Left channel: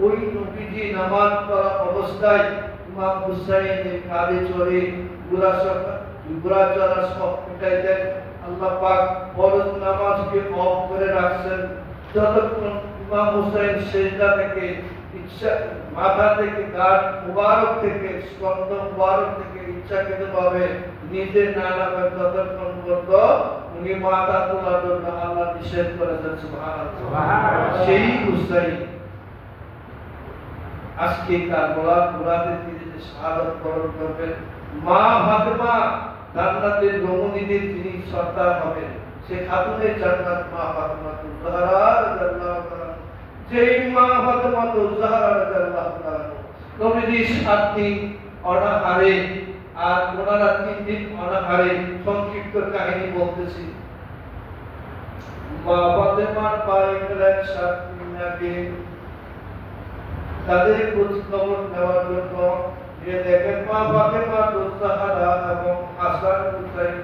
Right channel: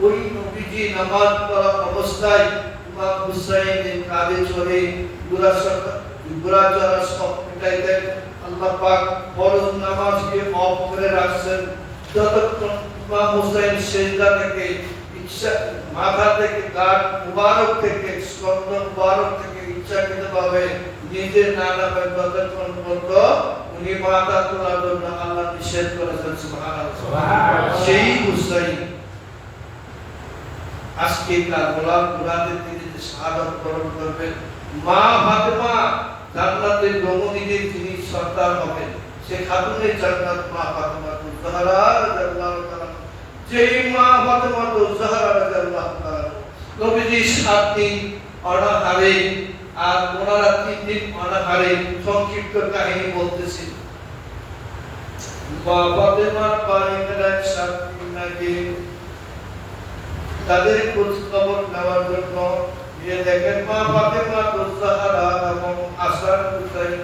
ওই নবীজি নামাজ পড়া অবস্থায় ইমাম হুসাইনের কাঁধে চড়ে বুড়া চড়া সব পিটাই দেন। আল্লাহ পাক ফরজ নামাজকে অফ করে রাখছেন। যতক্ষণ ইমাম হুসাইন সেজদা থেকে মাথা থেকে গাঁট মুবারক থেকে স্কন্ধ মুবারক থেকে ইচ্ছাকৃতভাবে নিজে না নামে ততক্ষণ পর্যন্ত উনি মাথা তোলার জন্য আল্লাহ নিষেধ করেছেন। সুবহানাল্লাহ। সেই হুসাইন আজকে কারবালার মুরাদের দিনে যে শাহাদাত বরণ করবেন, মা ফাতেমা জান্নাতের রমণীদের যিনি সর্দার হবেন, সে খাতুনে জান্নাত মা ফাতেমা তুজহারা রাদিয়াল্লাহু তাআলা। যেই মা ফাতেমা তুজহারা রাদিয়াল্লাহু তাআলা নবীজি 7 দিন অনাহারে আর ওনারা 3 দিন অনাহারে, সংক্ষিপ্ত কাহিনী বলতেছি। মা ফাতেমার পায়ে গেলেন 7 দিন আগে তাদের খোঁজ খবর নেওয়ার জন্য। গিয়ে দেখেন মা ফাতেমা তুজহারা এবং হাসান হুসাইন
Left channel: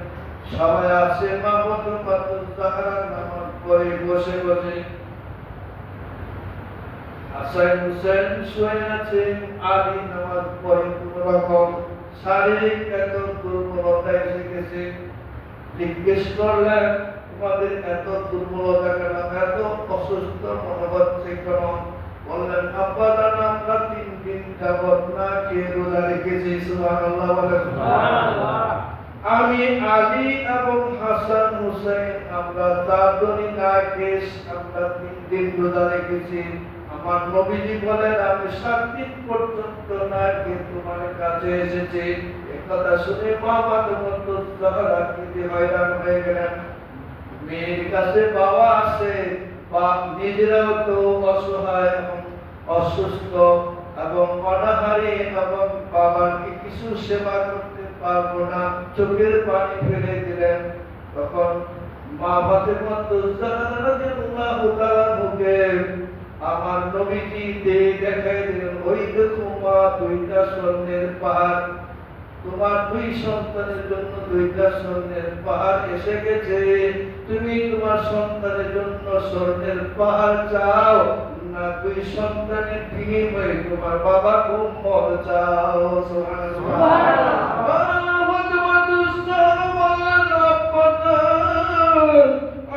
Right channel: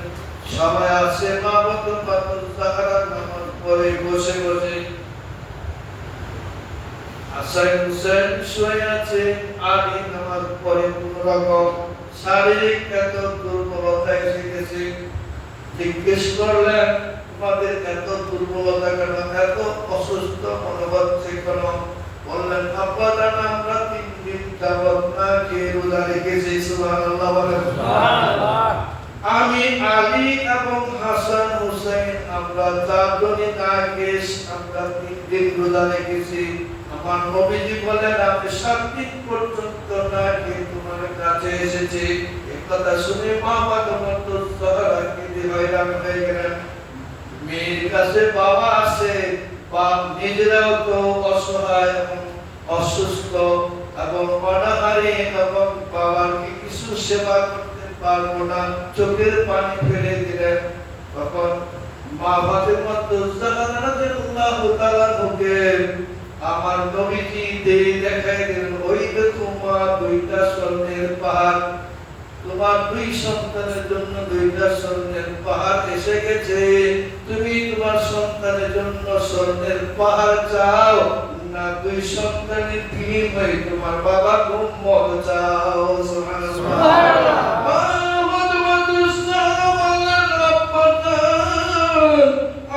সবাই আছে। মা ফাতেমা তুজহারা নামাজ পড়ে বসে বসে, হাসান হুসাইন শুয়ে আছে। আলী নামাজ পড়ে কোনো রকম শারীরিক এত দুর্বলতা এসে গেছে। জিজ্ঞেস করলেন, তোমাদের এত দুর্বলতা কেন, এত অসুস্থ মনে হচ্ছে কেন? বললেন, আব্বা জান আমরা 3 দিন যাবত না খেয়ে রোজা রেখেছি। সুবহানাল্লাহ বলেন। সুবহানাল্লাহ। আমি আলী এবং হাসান হুসাইন আমরা 4 জনই না খেয়ে আমরা 3 দিন রোজা রেখেছি। আমার নবীজি বলেন, আমি 7 দিন পর্যন্ত না খেয়ে তোমার কাছে এসেছি। এই কথা শুনে মা ফাতেমা তুজহারা কি হয়রান হয়ে গেলেন। মেয়ের কাছে বাবা আছে, বাপ নিজেরাও তো অসহায় এবং অসুস্থ এবং অনাহারে এবং বাবার কি কিছু সেবা করতে পারবো না, চোখের পানি ফেলে দিলেন। তখন মা ফাতেমা তুজহারা রাদিয়াল্লাহু তাআলা মুখে আমার নবীজি দেখাই দিলেন, ওই দেখো মা 2টা স্বর্ণের পাহাড়, তোমার 2 সন্তানের জন্য 2টা স্বর্ণের পাহাড় এসে গেছে। তুমি তোমার সন্তানের জন্য স্বর্ণের পাহাড় চাও না 2 সন্তানের বিনিময়ে তোমার বাবা উম্মত চাও? সুবহানাল্লাহ।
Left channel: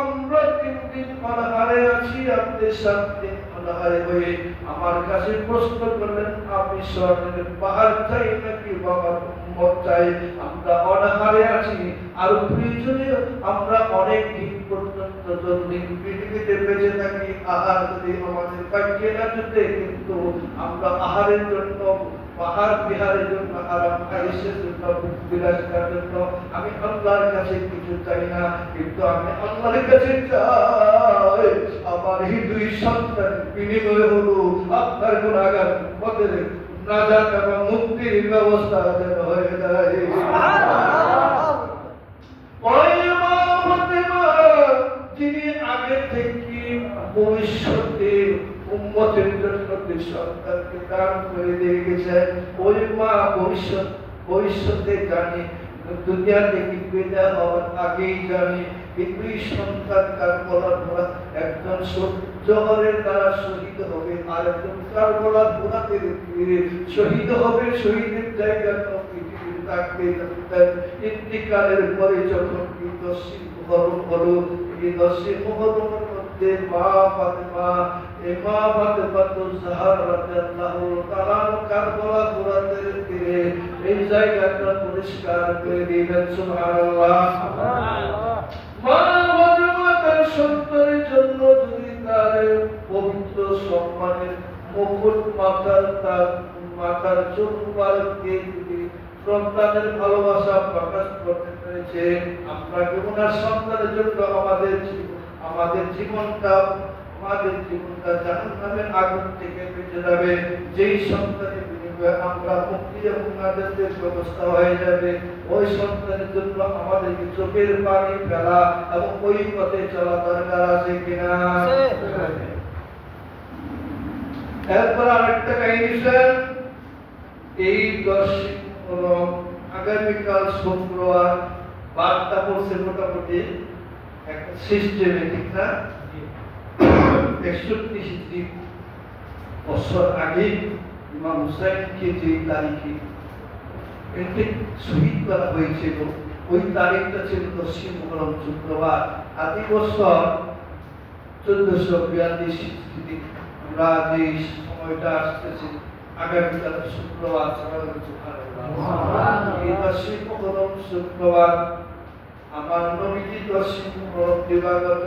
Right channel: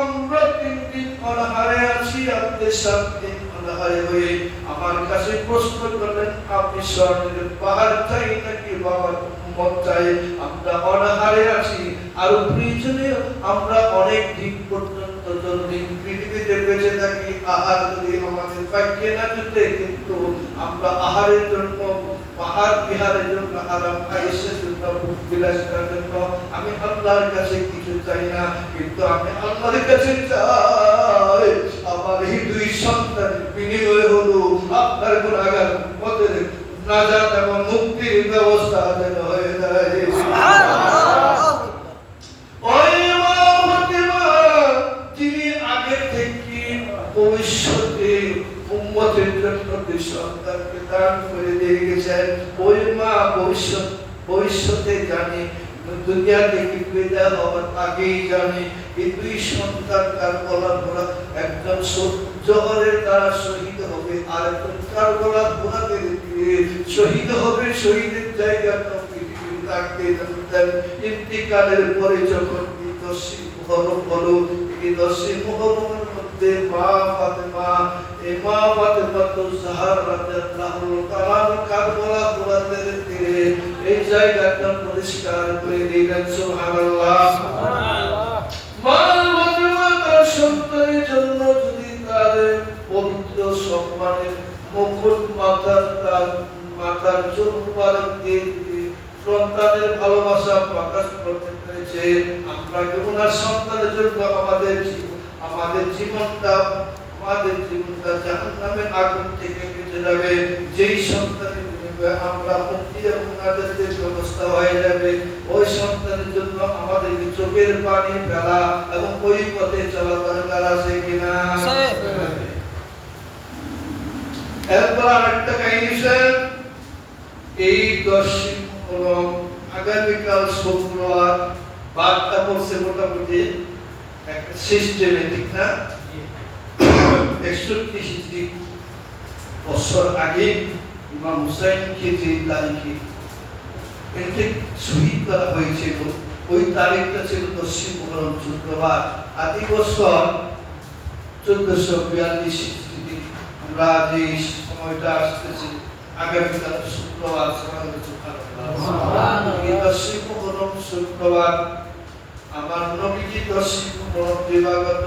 আমরা 3 দিন অনাহারে আছি, আপনি 7 দিন অনাহারে হয়ে আমার কাছে প্রশ্ন করলেন, আপনি স্বর্ণের পাহাড় চাই নাকি বাবার উম্মত চাই? আমরা অনাহারে আছি, আর প্রয়োজনে আমরা অনেক দিন পর্যন্ত যতদিন পৃথিবীতে বেঁচে থাকি আহার যদি আমাদের পাইয়ে না জুটে, কিন্তু আমরা আহারের জন্য পাহাড় বিহারের জন্য আরাম আয়েশের জন্য বিলাসিতার জন্য আমি আল্লাহর কাছে কিছু চাই না, কিন্তু আমি আল্লাহর কাছে চাই আমার এই 2 সন্তানের বিনিময়ে হলো আপনার গুনাহগার উম্মতের নাজাত এবং মুক্তির ব্যবস্থা যেন হয়ে যায়। সুবহানাল্লাহ। ওই মা ফাতেমা যিনি আগে থেকে ভবিষ্যতে উম্মতের জন্য সন্তানকে দান করে দিয়ে গেছেন, ওই মা ভবিষ্যতে জানি, দুনিয়া থেকে বিদায় হওয়ার আগেই জানি এই 2 সন্তান কারবালার ঘোড়া, একজন জোহরের দ্বারা শহীদ হবে আর একজন কারবালার ঘোড়াতে শহীদ হবে। শহীদের জায়গাটা পৃথিবীতে থাকতে থাকতেন। ইন্তিকালের পরে যখন 10 মুহররম হলো, এই 10 মুহররমের মধ্যে মা ফাতেমা তুজহারা রাদিয়াল্লাহু তাআলা কারবালা ঘোড়াতে তীরে এই জায়গাটা পরিষ্কার করে দিলেন। সুবহানাল্লাহ। সুবহানাল্লাহ। মা ফাতেমা তার সন্তানের জন্য যদি তার পবিত্র সম্মানের মুকুট মাথার চুল মুবারক দিয়ে সন্তানের ভালোবাসা প্রকাশ করতে পেরেছে, আমরা ওনার সন্তানের জন্য আমাদের জীবনটা জাহান্নামের আগুন থেকে বেঁচে যাবে। যেই সন্তানের বিনিময়ে আমরা মুক্তি এবং নাজাতের ব্যবস্থা হয়ে যাবে, ওই সন্তানের জন্য আমাদের চোখের পানি ফেলা এবং ওই পথে চলা দরকার আছে কিনা? এরপর আরেকটা কাহিনী স্যার, এই 10 মুহররম আগামীকাল শুক্রবার, বারটা পড়ছে মোটামুটি একটা সিস্টেমে, ঠিক না? 61 বছর আগে ইমাম হুসাইনকে যে তারিখে একে শহীদ করা হয়েছিল ওই তারিখটা ছিল 10 মুহররম শুক্রবার। আদি বছর 1442 হিজরি। আমরা যে সময়টা আসতেছে আগামীকাল শুক্রবার, সুবহানাল্লাহ, এই 10 মুহররম শুক্রবার আমার নবীজি 10 মুহররম দিবাগত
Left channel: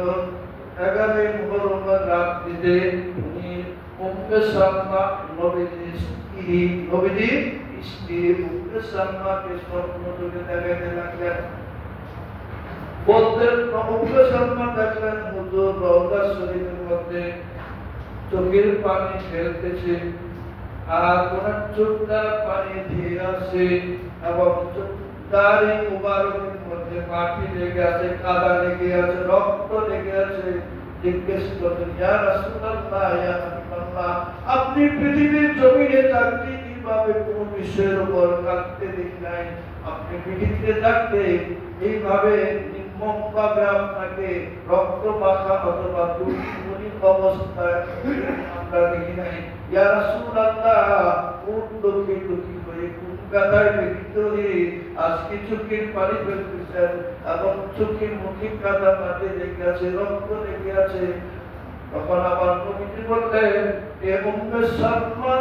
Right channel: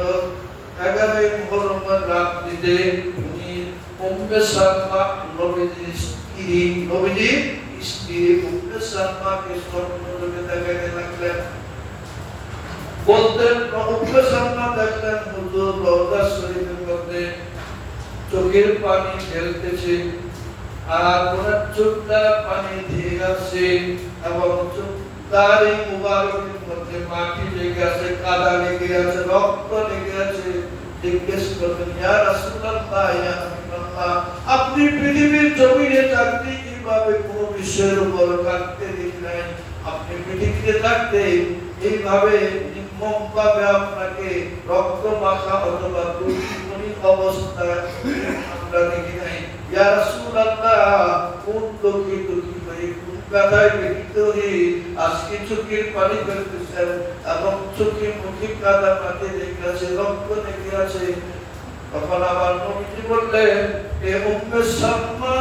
11 মুহররমের রাত্রিতে উনি উম্মে সালমা নবীজির স্ত্রী উম্মে সালমাকে স্বপ্নযোগে দেখাতে লাগলেন। বলতেন উম্মে সালমা দেখলেন হুজুর রওজা শরীফের মধ্যে চোখের পানি ফেলতেছে আর ওনার চোখটা পানি দিয়ে আসছে এবং দাড়ি মুবারকের মধ্যে মাটি লেগে আছে, কাদা লেগে আছে, রক্ত লেগে আছে। জিজ্ঞেস করলেন, ইয়া রাসূলুল্লাহ, ইয়া হাবিবাল্লাহ, আপনি পৃথিবীর জমিনে থাকতে কিভাবে কোন বিষয়ের উপর কাঁদতে দেখি নাই? আপনি পৃথিবীতে থাকতে এইভাবে নির্মমভাবে আপনাকে রক্ত মাখা অথবা দুর্গুণী অবস্থায় আমরা দেখি নাই। ইয়া রাসূলুল্লাহ, কোন লোকে দুঃখী হয়ে কোন কাদায় ব্যতীত হয়ে আজকে চোখের পানি ফেলতেছেন এবং চোখে মুখে কাদা পাতে লেগে আছে, রক্ত লেগে আছে। তখন আবার নবীজি বললেন, এ উম্মে সালমা,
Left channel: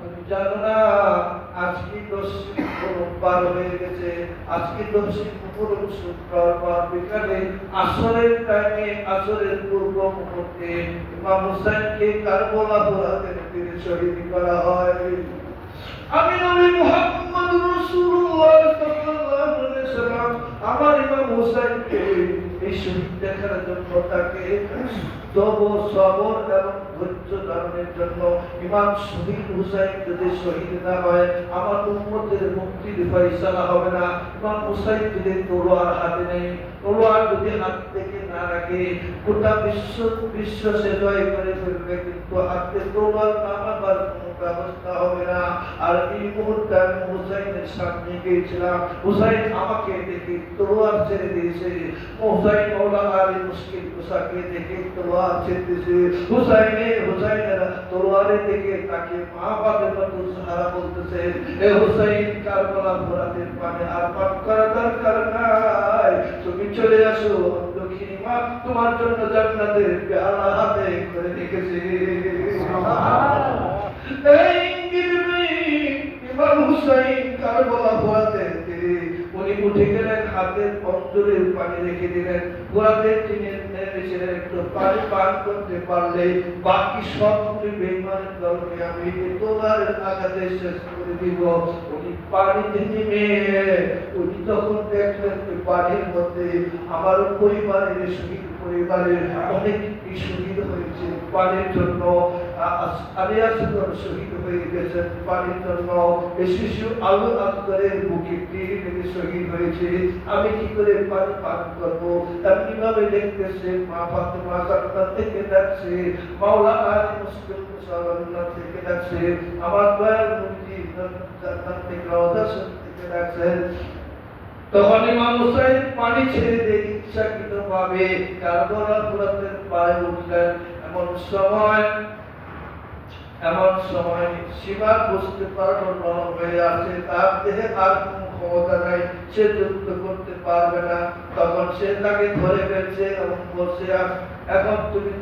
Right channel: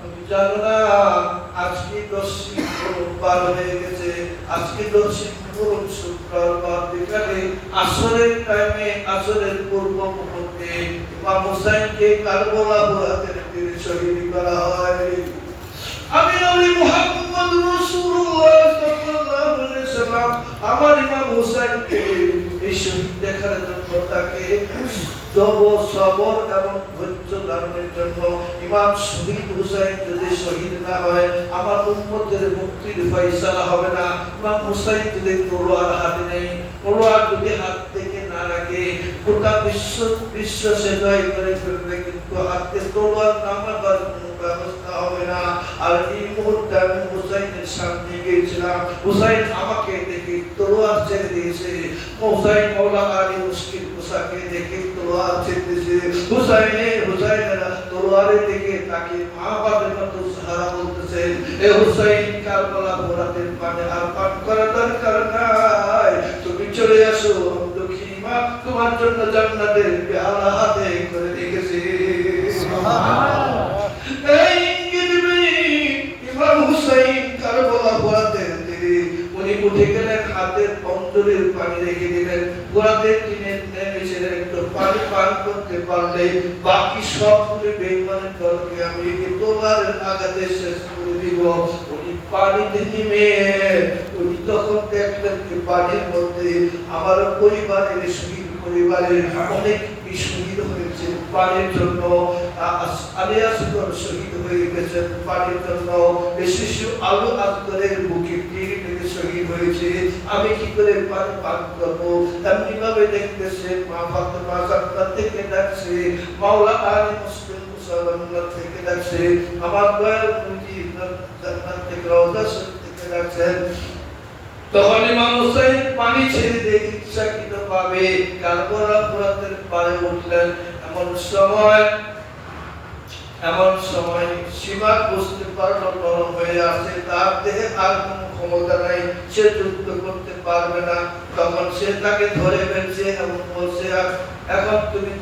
তুমি জানো না আজকে 10 মুহররম পার হয়ে গেছে। আজকে 10 মুহররম শুক্রবার বিকালে আসরের টাইমে, আসরের পূর্ব মুহূর্তে ইমাম হুসাইনকে কারবালা বুরাতের তীরে শহীদ করা হয়। আমি নবী মুহাম্মদ রাসূলুল্লাহ সাল্লাল্লাহু আলাইহি ওয়াসাল্লাম আমার ইমাম হুসাইনকে এই শহীদ দেখার জন্য তাকে সবর এবং ধৈর্য ধারণের জন্য, ইমাম শহীদ হুসাইন যদি শহীদ না হয় আমার উম্মতের মুক্তির ফয়সালা হবে না। ইমাম হুসাইন যদি তলোয়ার হাতে নেই, তলোয়ার যদি হাত থেকে না রাখে গোটা বিশ্ব সে জয় করে ফেলবে, কিন্তু হাতে তলোয়ার নামাবার কোনো ব্যবস্থা হবে না। আর এই মুহূর্তে আমি হুসাইনের সামনে গিয়েছিলাম, হুসাইন আমাকে দেখে তলোয়ার ছেড়ে দিয়েছে। হুসাইন মওলা আলী মুশকিল কুসাকে দেখে তলোয়ার ছেড়েছে। হুসাইনের তলোয়ারের দিকে তাকে মা বাবার মতো সাহারা বলতেছে, এ হুসাইন, কারবালা বুরাতের পানি আর পান করার দরকার নাই, তুমি চলে আসো, দক্ষিণ মা তোমার জন্য জান্নাতের পেয়ালা হাতে করে রেখেছে। সুবহানাল্লাহ। এই ইমাম হুসাইন কারবালা বুরাতের দিকে উনি উঠে গেলেন, হাতের পঞ্জরের পানি রেখে দিলেন, বুরাতের টিনে নেমেছিলেন, একটু পানি পান করতে পারলে বাকি সবগুলি বেঈমানের দলকে আমি তোমার আঘাতে শেষ করে দিব। উনি পানিতে নেমে উনি তখন দেখলেন যে পানির মধ্যে আমার পরিবারের শহীদ, পরিবারের অনেক শহীদ হয়েছে পানির জন্য। আলিয়াসগর শহীদ হয়ে গেছেন পানির জন্য। শিশু আলু আসগরের বুকে তীর থেকে শহীদ হয়েছে। আমি কি করে পানি পান করবো? এমনি ভাবে দেখতেছে মা ফাতেমা জান্নাত থেকে ডাকছে, মাওলা আলী মুশকিল কুসাওয়াল্লাহ থেকে ডাকছে, আমার দয়াল নবী জান্নাত থেকে রওজা শরীফ থেকে ডাকছেন। তখন ইমাম হুসাইন পানি ছেড়ে দিয়ে ইচ্ছাকৃতভাবে কারবালা বুরাতের পাড়ে উঠলেন। এমন সময় সীমা বুঝতে পারলো নরম হয়ে আছে, তার দেহে আর কোনো ক্ষমতা নাই, সে যুদ্ধ করতে পারবে না। তখন সে তাকে ধরে ফেলছে এবং বলছে, এখন তুমি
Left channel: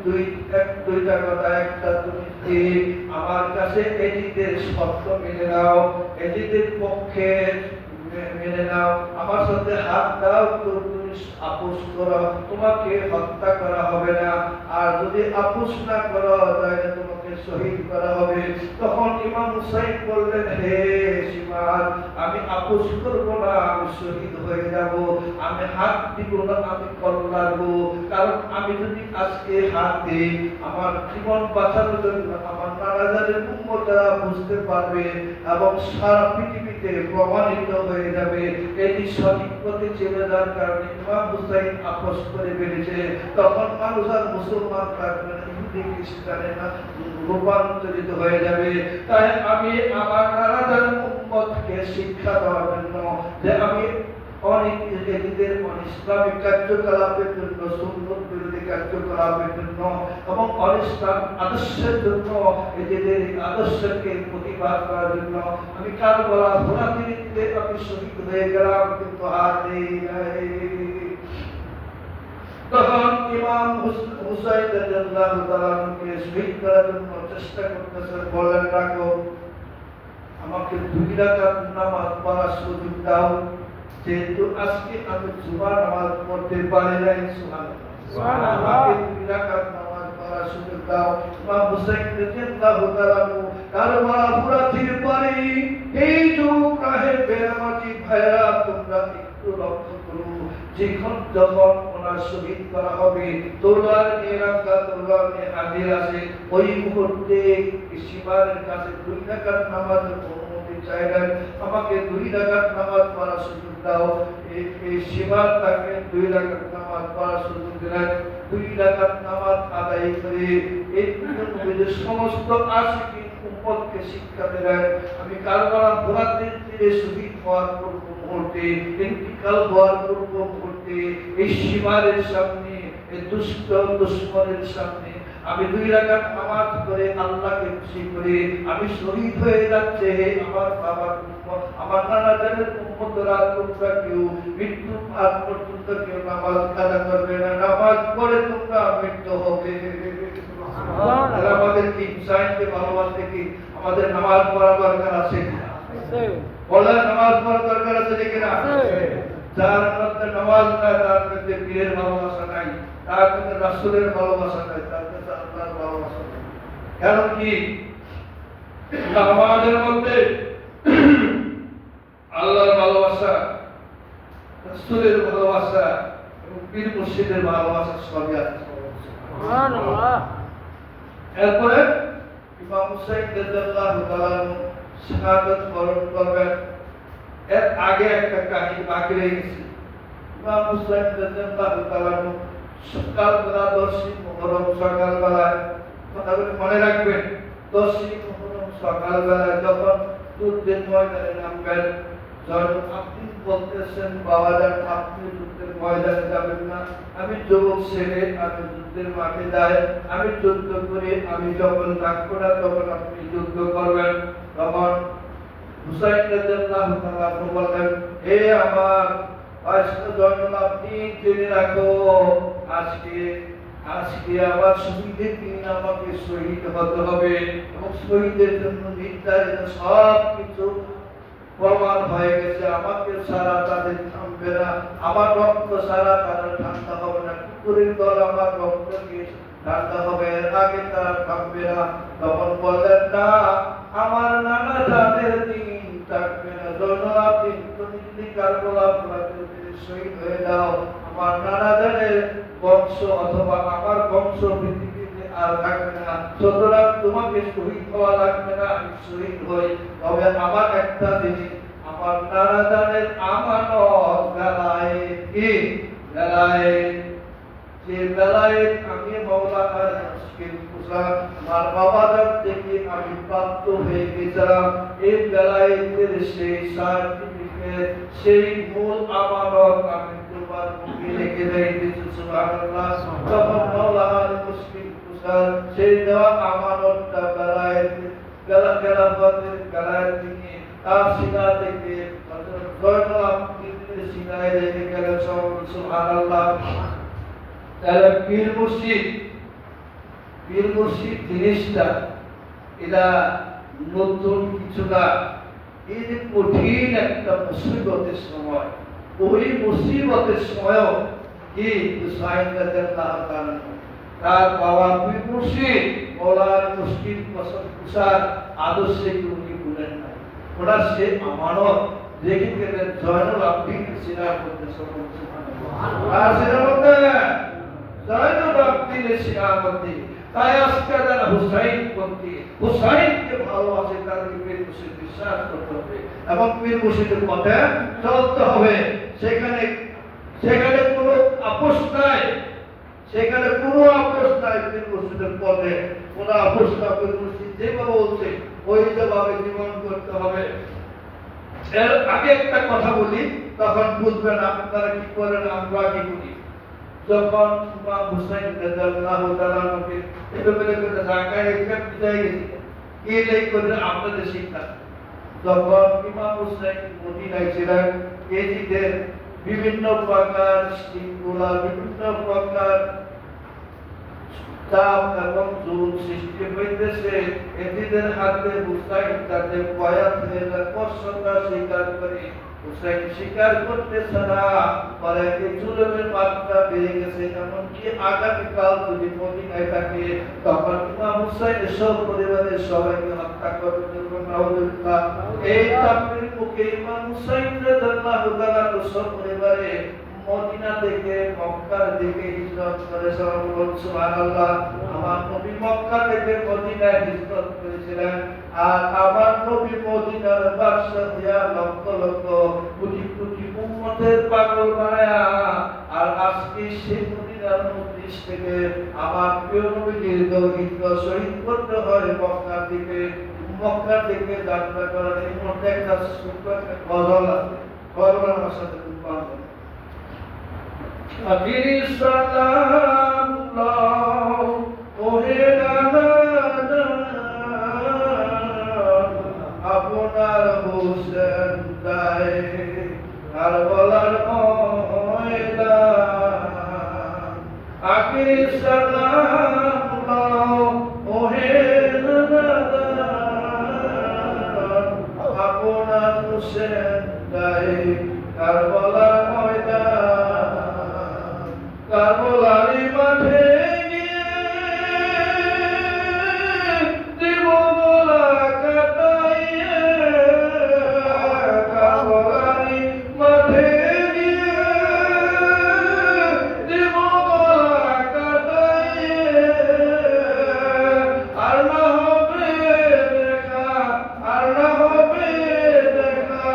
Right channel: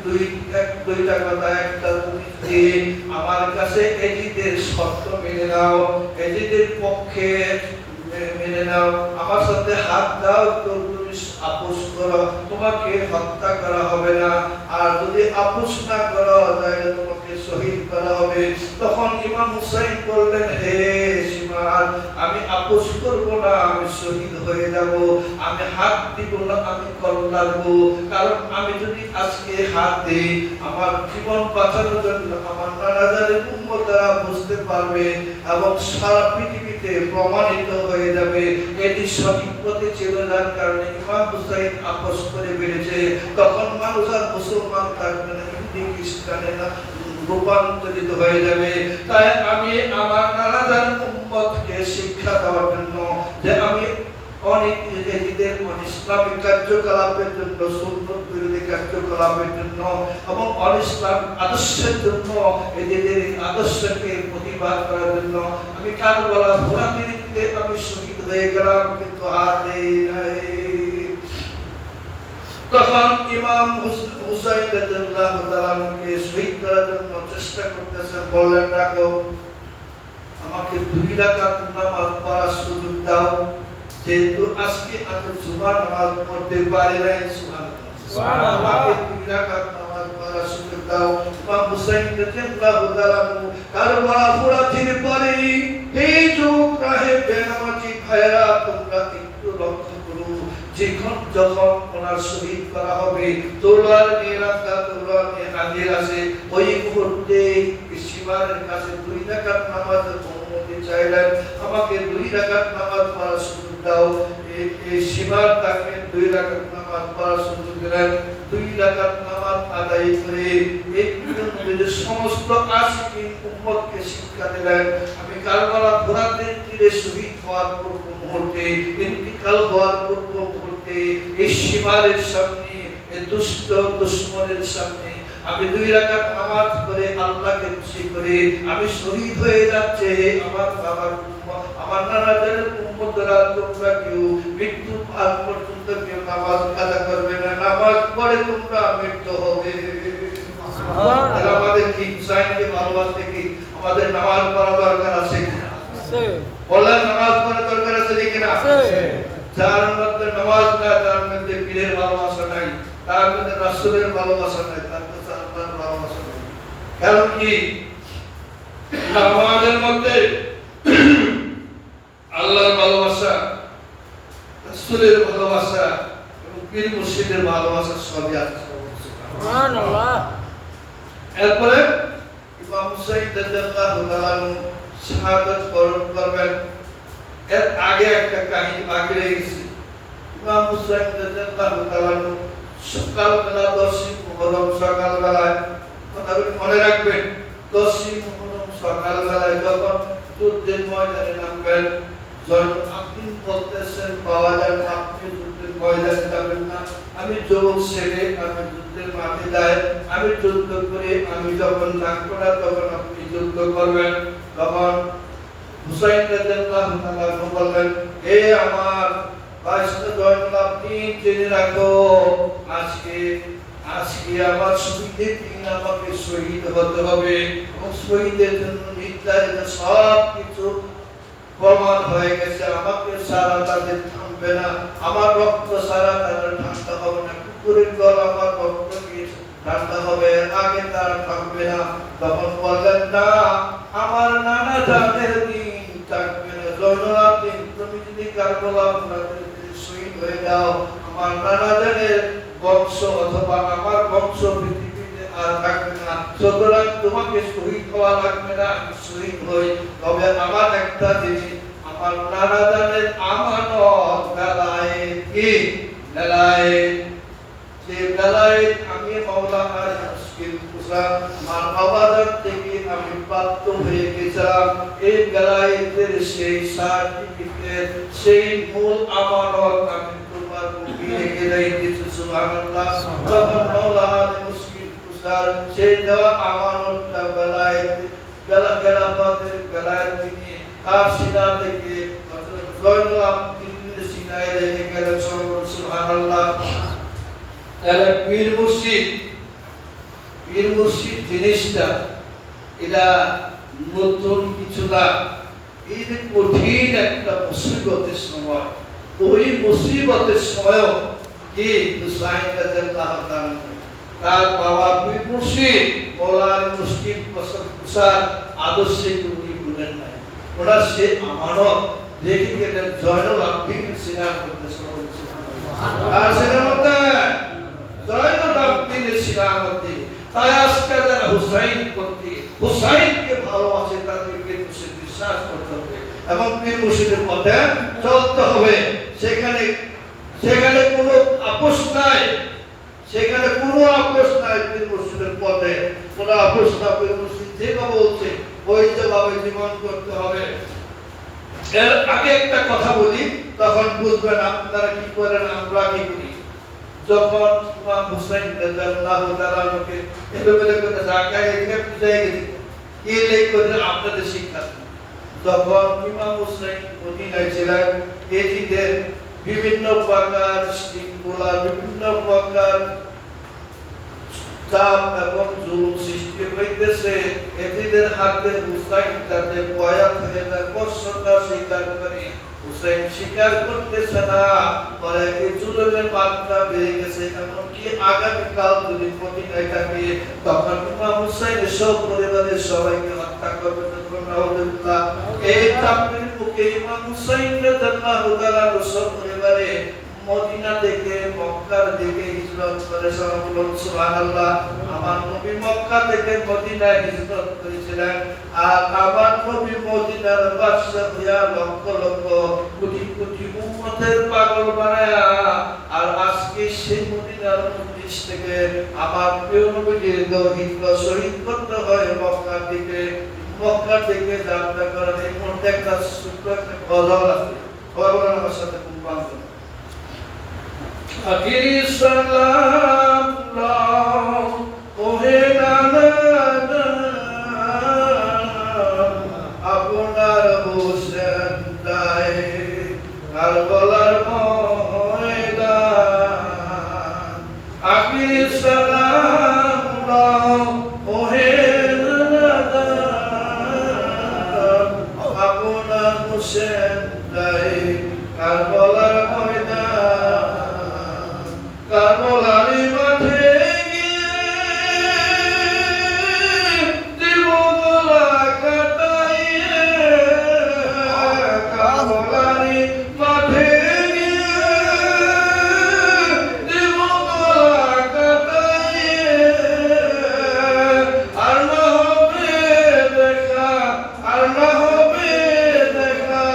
দুইটা কথা, একটা তুমি আমার কাছে এজিদের শর্ত মেনে নাও, এজিদের পক্ষে মেনে নাও, আমার সাথে হাত দাও, তো তুমি আপোষ করো, তোমাকে হত্যা করা হবে না, আর যদি আপোষ না করো তাহলে তোমাকে শহীদ করা হবে। তখন ইমাম হুসাইন বললেন, হে সীমার, আমি আপোষ করব না, আমি শহীদ হয়ে যাব, আমি হাত দিব না, আমি কল্লা দেব, কারণ আমি যদি আজকে হাত দিই আমার জীবন বাঁচানোর জন্য আমার নানাজানের উম্মতরা বুঝতে পারবে এবং সারা পৃথিবীতে প্রমাণিত হয়ে যাবে এটি সঠিক পথে চলে যাওয়ার কারণে ইমাম হুসাইন আপোষ করে বেড়েছে। তখন মানুষ আর মুসলমান থাকবে না, হিন্দু খ্রিস্টানে না রূপান্তরিত হয়ে যাবে। তাই আমি আমার নানাজানের উম্মতকে শিক্ষা দেওয়ার জন্য যে আমি অনেক এজিদের ইসলামিক কার্যকলাপের জন্য, সুন্নত বিরোধী কার্যকলাপের জন্য এবং অনিসলাম আদর্শের জন্য, এদের আদর্শকে প্রতিবাদ করার জন্য আমি কারবালা ভোরাতে আমি শহীদ হয়ে গেলাম, কিন্তু আর নেই নাই। তখন ইমাম হুসাইন রাদিয়াল্লাহু তাআলাকে শহীদ করার জন্য চেষ্টা করতেছেন। বললেন, রাখো, আমাকে 2 রাকাত নামাজ পড়ার সুযোগ দাও, যেহেতু আজকে আমি জুমার নামাজ পড়তে পারি নাই। সুবহানাল্লাহ। আমাকে 2 রাকাত নামাজ পড়ার সুযোগ দাও। ইমাম হুসাইন রাদিয়াল্লাহু তাআলা কারবালা ফুরাতির পরে এই যুগ রাহে বেনামাজি ভাইরা, তোমরা একটু লক্ষ্য করো, যখন ওনার শহীদ করা হবে, তোলার নিরাপত্তা, তোলার হাজির আছে, ওই মুহূর্তে সীমারের কাছে 2 রাকাত নামাজ অনুমতি চাইলেন। আমাকে 2 রাকাত নামাজ পড়ার সুযোগ দাও। এই সীমার তাকে 2 রাকাত নামাজ পড়ার সুযোগ দিলেন। 2 রাকাত নামাজ আদায় করে এই নবীর সমস্ত আশিকিন উম্মতকে শিক্ষা দিলেন। আমি কারবালা ফুরাতের তীরে শহীদ হওয়ার পূর্ব মুহূর্তে, ইন্তিকাল হওয়ার পূর্ব মুহূর্তে এই সীমারের সামনে, এই দুষ্ট দুশমনের সামনে আমি 2 রাকাত নামাজ পড়ে আল্লাহকে খুশি করে আমি শহীদ হয়ে যাচ্ছে। আমার বাবার উম্মত, আমার নানা জানের উম্মতরা, তোমরা কেউ মৃত্যু আগ পর্যন্ত কেউ নামাজ আদা করবে না, নামাজ পড়ে তোমরা মৃত্যু হবে। আমাদের কি হুসাইনকে ভালোবাসতে কি আমাদের নামাজ পড়া দরকার আছে? বলেন, নামাজ পড়া দরকার আছে কিনা? যার মধ্যে নামাজ নাই, তার মধ্যে পীরের ভালোবাসা নাই, তার মধ্যে রাসূলের ভালোবাসা নাই, তার মধ্যে আল্লাহর ভালোবাসা নাই। কারণ কি? নামাজের মধ্যে আল্লাহর ভালোবাসা, রাসূলের ভালোবাসা এবং পীর মুর্শিদের ভালোবাসা সবই আছে। সুবহানাল্লাহ। এরপরে ইমাম হুসাইন রাদিয়াল্লাহু তাআলা শাহাদাত বরণ করবেন। এর আগে একটা কাহিনী বাকি রয়ে গেছে। ইমাম হুসাইন রাদিয়াল্লাহু তাআলা সকালবেলা 10ই মুহররম সকালবেলায়, কথাগুলো মনে রাখবেন, 10ই মুহররম সকালবেলায় যখন যুদ্ধের ময়দানে নামবেন, জয়নুল আবদিন বলতেছেন, বাবা যান, আপনি যুদ্ধের ময়দানে যাবেন না, আমি যুবক ছেলে, আমি যুদ্ধের মাঠে যাই, আমি যুদ্ধ করে আমি যখন থাকবো না তখন আপনি যুদ্ধ করবেন। তখন হুসাইন রাদিয়াল্লাহু তাআলা বললেন, হে আমার বাদশা জয়নুল আবদিন, জেনে রাখো, আজকে আমার শহীদের দিন, আমাকে শহীদ হতে হবে এবং শহীদের জন্য নির্ধারিত সব কিছু প্রমাণ হয়ে গেছে। আমাকে সারা তাদের থামবে না, আমার রক্ত সারা তাদের ঠান্ডা হবে না, কুকুরের দল আমার রক্ত দিয়ে ঠান্ডা হবে, আগে তারা থামবে না। তখন বললেন, না, আমার নানা জানের দিন থাকবে না। জয়নুল আবদিন, তুমি যদি কারবালা ফুরাতের তীরে শহীদ হয়ে যাও, আমার নানা জানের বংশ অথবা আমার বংশ পৃথিবীতে আর থাকবে না। সুতরাং তোমাকে শহীদ হওয়া লাগবে না, আমি শহীদ হই। তবে আমার একটা জিনিস, আমার নানা জানের আমানত বেলায়েত, কি বেলায়েত, যে বেলায়েত আমি মাওলানা মুশকিল কুসা আমার বাবার থেকে আমি প্রাপ্ত হয়ে গেছিলাম, এই বেলায়েতের সেই সার্টিফিকেট, সেই মূল আমানত আমি তোমার মুখে রেখে দিয়েছি। সুবহানাল্লাহ। তখন মাওলানা মুশকিল কুসার সেই দেওয়া আমানতটা বেলায়েত, বেলায়েতের বেলায়েত তিনি তার সিনা থেকে জয়নুল আবদিনের সিনায় রেখে গেলেন। সুবহানাল্লাহ। তাহলে পীর মুর্শিদ জিনিসটা এটা নতুন কিছু না, এই যে কঠিন একটা মুসিবতের সময়, ওই মুসিবতের সময় কি হুসাইন রাদিয়াল্লাহু তাআলা তার বাবা পীর মুর্শিদ মাওলানা মুশকিল কুসার আদর্শে উনি ভুলেন নাই। ওনার সে আমানত রেখে গেলেন জয়নুল আবদিন সিনার মধ্যে। সুবহানাল্লাহ। আর সেটার মধ্যে জয়নুল আবদিনের সিনার মধ্যে, তাই আজকে যারা হুসাইনকে ভালোবাসে তাদের পীর মুর্শিদ বিশ্বাস করতে হবে এবং পীর মুর্শিদের পথে চলতে হবে। সেখানে কোনো আপোষ নাই, সেখানে কোনো আপোষ নাই। পীর মুর্শিদের পথে কোনো আপোষ না। পীর মুর্শিদ যেভাবে বলছে ওই যেভাবে জীবন করতে হবে। এর আগে একটা কথা বলি, তখন বুঝবেন আপনারা কি করেন আমরা কি করি। যখন ইমাম হুসাইন রাদিয়াল্লাহু তাআলা কে এলোমেলো করে জায়গায় এটা বুঝাই গেছে এই লেখ করে আপনাদের শিক্ষা। যখন ইমাম হুসাইন মদিনায় ছিলেন এজিদের বিভিন্ন প্রকার শৃঙ্খলা, বিভিন্ন প্রকার চাপ এবং জুলুম সৃষ্টি হইতেছে, এজিদের হাতে হুসাইন তাদের পয়া থেকে তার কষ্টটা স্বীকার করে হুসাইন স্বীকার করতেছে না, পরে এই জুলুমের মাত্রা বেড়ে গেছে। এমনকি আগামীকাল যদি মদিনায় থাকে তখন ইমাম হুসাইনের সব পরিবারের সবাইকে হত্যা করবে। এই চাপের মুখে ইমাম হুসাইন রাদিয়াল্লাহু তাআলা সব পরিবারে মদিনা থেকে মক্কার দিকে হিজরত করে। সুবহানাল্লাহ। আমার নবী মক্কা থেকে মদিনায় হিজরত করেছিলেন, আর আমার নবী মদিনার বাদশা হইয়া লক্ষ লক্ষ কোটি কোটি উম্মতের পাগল বানায়া, আর আজকে সেই মদিনার মধ্যে থেকে আমার প্রিয় নবীকে হিজরত শহীদ করতে হয় মক্কার দিকে। মক্কার দিকে যাত্রা করার এই মধ্যে একটা ছোট্ট একটা গজল আছে, গজল আমার সাথে খুব বান্ধব। আখিরি সালাম ওহে নানা আপনার হোসেন দায় কারবালার ময়দান। আখিরি সালাম ওহে নানা আপনার হোসেন দায় কারবালার ময়দান। কারবালারি মাঠে গিয়ে দিব গলা কাটাইয়ে, কারবালারি মাঠে গিয়ে দিব গলা কাটাইয়ে, আর না হবে দেখা, আর না হবে দেখা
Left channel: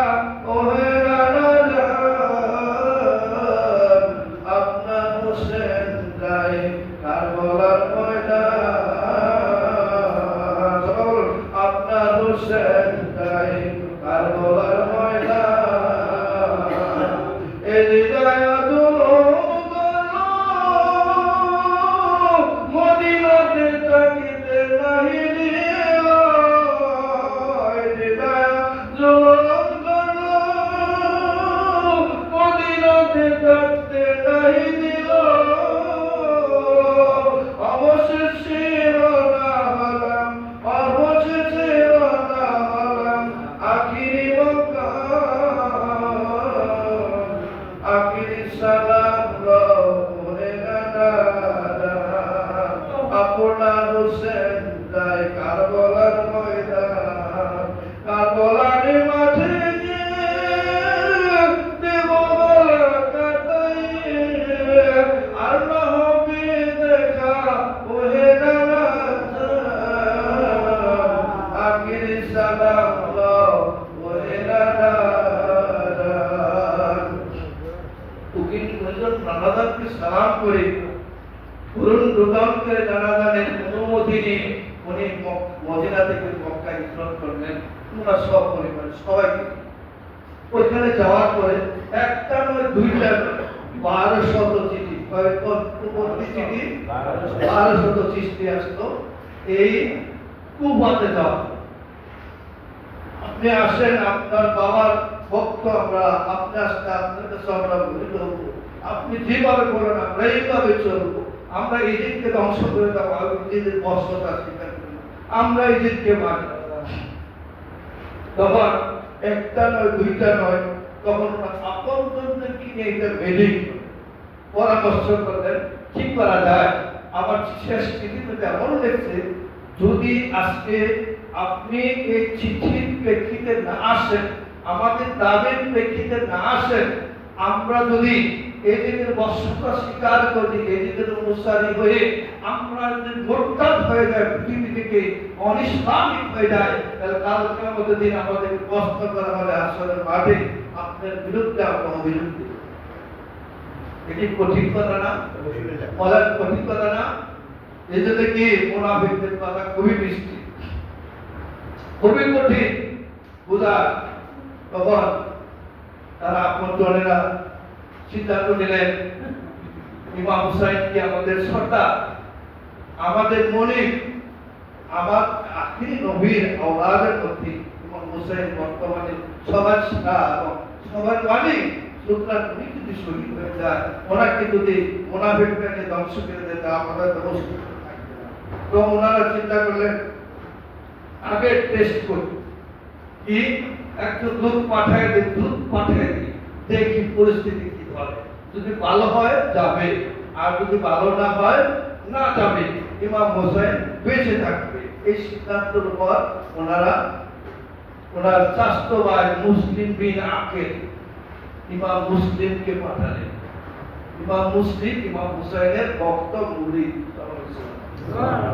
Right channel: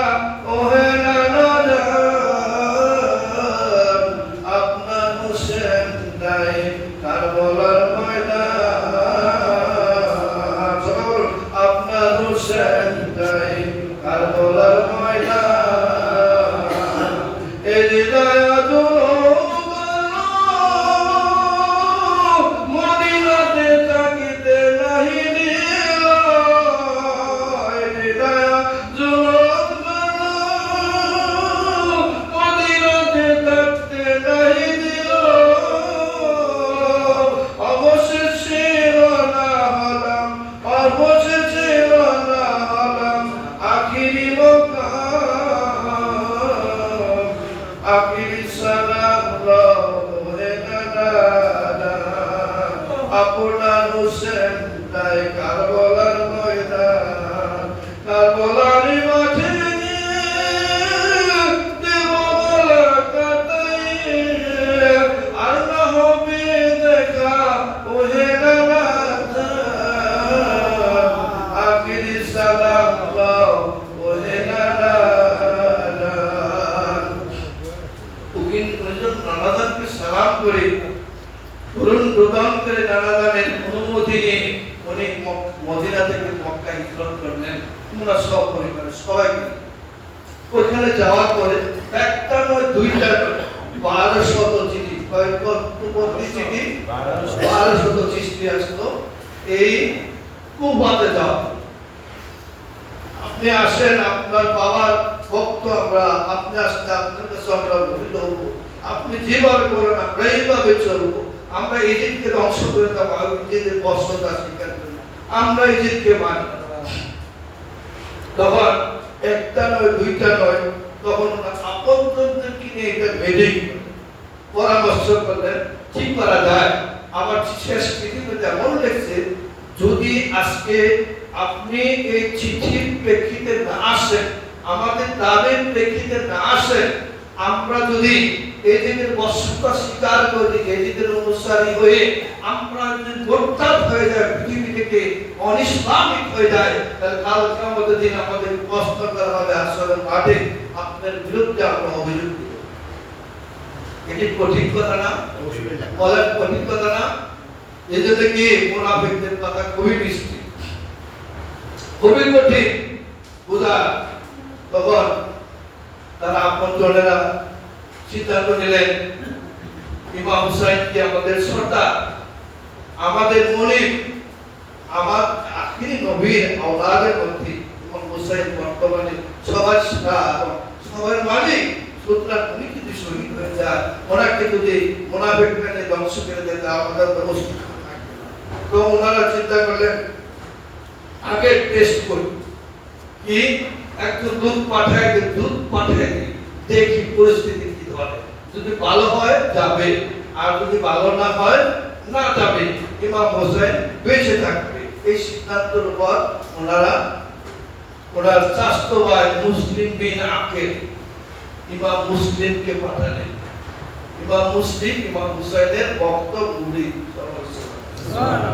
ওহে নানা আপনার হোসেন দায় কারবালার ময়দান। সবাই বলুন আপনার হোসেন দায় কারবালার ময়দান। এই হৃদয় মদিনাতে থাকিতে নাহি দিল, এই হৃদয় জুলুম করলো মদিনাতে থাকতে নাহি দিল। অবশেষে রওনা হলাম, অবশেষে রওনা হলাম আখিরি মক্কা। আখিরি সালাম ওহে নানা আপনার হোসেন দায় কারবালার ময়দান। কারবালার মাঠে গিয়ে দেব গলা কাটাইয়ে, আর না হবে দেখা ওহে নানা আখিরি সালাম ওহে নানা। উকিল প্রয়োজন নানাদানকে সালাম করে পুরন প্রদান করে নানাদানের অনুমতি নিয়ে উনি মদিনা থেকে মক্কা হিজরত করলেন। তোমরা সব পরিবার সবাই ওখানে যাওয়ার পরে একটা নয় দুইটা নয় 1200 চিঠি, কয়েকটি চিঠি 1200 চিঠি আসতো এই কুবাতে যাওয়া। আপনি আসেন, আপনার বাবার ভক্ত আমরা, আপনি আসতে আপনার কাছে আমরা ভুল হব, আপনি যেভাবে বলেন আমরা এইভাবে চলবো, আমরা ইজিপ্টকে ধ্বংস করে দেবো, ইজিপ্টের বর্ষতা স্বীকার করি, আমরা ইজিপ্টকে মানি। তখন একটা নয় দুইটা নয়, তখন আপনজনদেরকে নিয়ে একটা মিটিং পরামর্শ করলেন কি করা যায়। আমার শেষ চিঠিতে এমন লিখছে, যদি আজকে আপনি এই চিঠির প্রেক্ষিতে না আসেন, আমাদের দাবির প্রেক্ষিতে না আসেন, আমরা যদি এদের বর্ষতা স্বীকার করি, এদের অনুসারী হয়ে আমরা যদি গোটাল হয়ে যায়, পৃথিবী থেকে অনিসলামিক হয়ে যায়, তাহলে কাল কিয়ামতের দিন আমাদের কষ্ট করা হবে আসরের মাঠে, আপনার বিরুদ্ধে আমরা অভিযোগ দেব। এটি কঠিন কথা না? বলেন কঠিন কথা না? এই জন্য কি মুনাফিকদের কথা খুবই মিষ্টি, খুবই কঠিন বোঝা। তখন তারা আপনজনেরা সিদ্ধান্ত নিলেন ইমাম হুসাইনকে আমাদের সর্দার, আমাদের মনিব, আমার আখিরি নবীর আওলাদের মধ্যে ইমাম হুসাইন বর্তমানে সবার সেরা এবং সবার মালিক। সুতরাং উনি যদি শহীদ হয়ে যায়, ওনাকে যদি মুনাফিকরা ধ্বংস করে দেয়, তা আমাদের ব্যবস্থা থাকবে না। তো ওনারা চিন্তা করলেন আগে টেস্ট করি, কি একটু দুধ পাঠায় দিই, দেখি পরিস্থিতি কি হবে। যদি ভালো হয় যাবে, আর যদি ভালো না হয় না যাবে, ইমাম হোসেন বেঁচে থাকবে। এই সিদ্ধান্তের উপর ওনার চাস্ত ভাই মুসলিম বিন আকিল ইমাম মুসলিমকে পাঠালেন। ইমাম মুসলিম ইমাম হুসাইনের ভক্ত মুরিদ,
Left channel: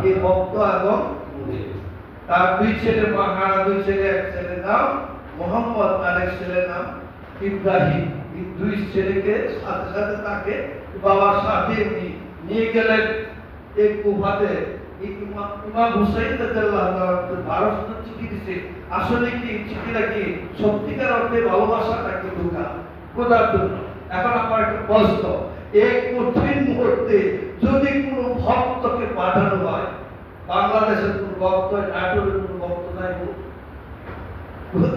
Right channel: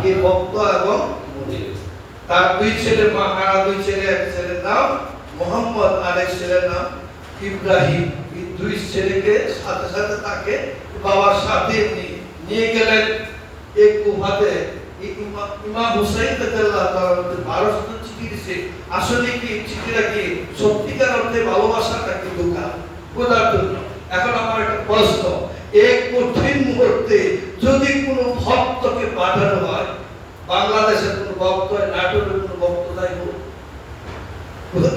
এই ভক্ত এবং মুরিদ। তার দুই ছেলে, দুই ছেলে, এক ছেলের নাম মোহাম্মদ, আরেক ছেলের নাম ইব্রাহিম। এই দুই ছেলেকে সাথে সাথে তাকে বাবার সাথে নিয়ে গেলেন এই কুফাতে। ইমাম হুসাইন রাদিয়াল্লাহু তাআলা ভারত চিঠি দিয়েছে। আসলে কি চিঠিটা কি সত্যিকার অর্থে ভালোবাসাটা কি বোঝার জন্য। এখন আমার একটা প্রশ্ন, এক কঠিন মুহূর্তে যদি কোনো ভক্তকে পাঠানো হয়, বাংলাদেশের কোনো ভক্ত, নাটোরের কোনো ভক্ত যাইব,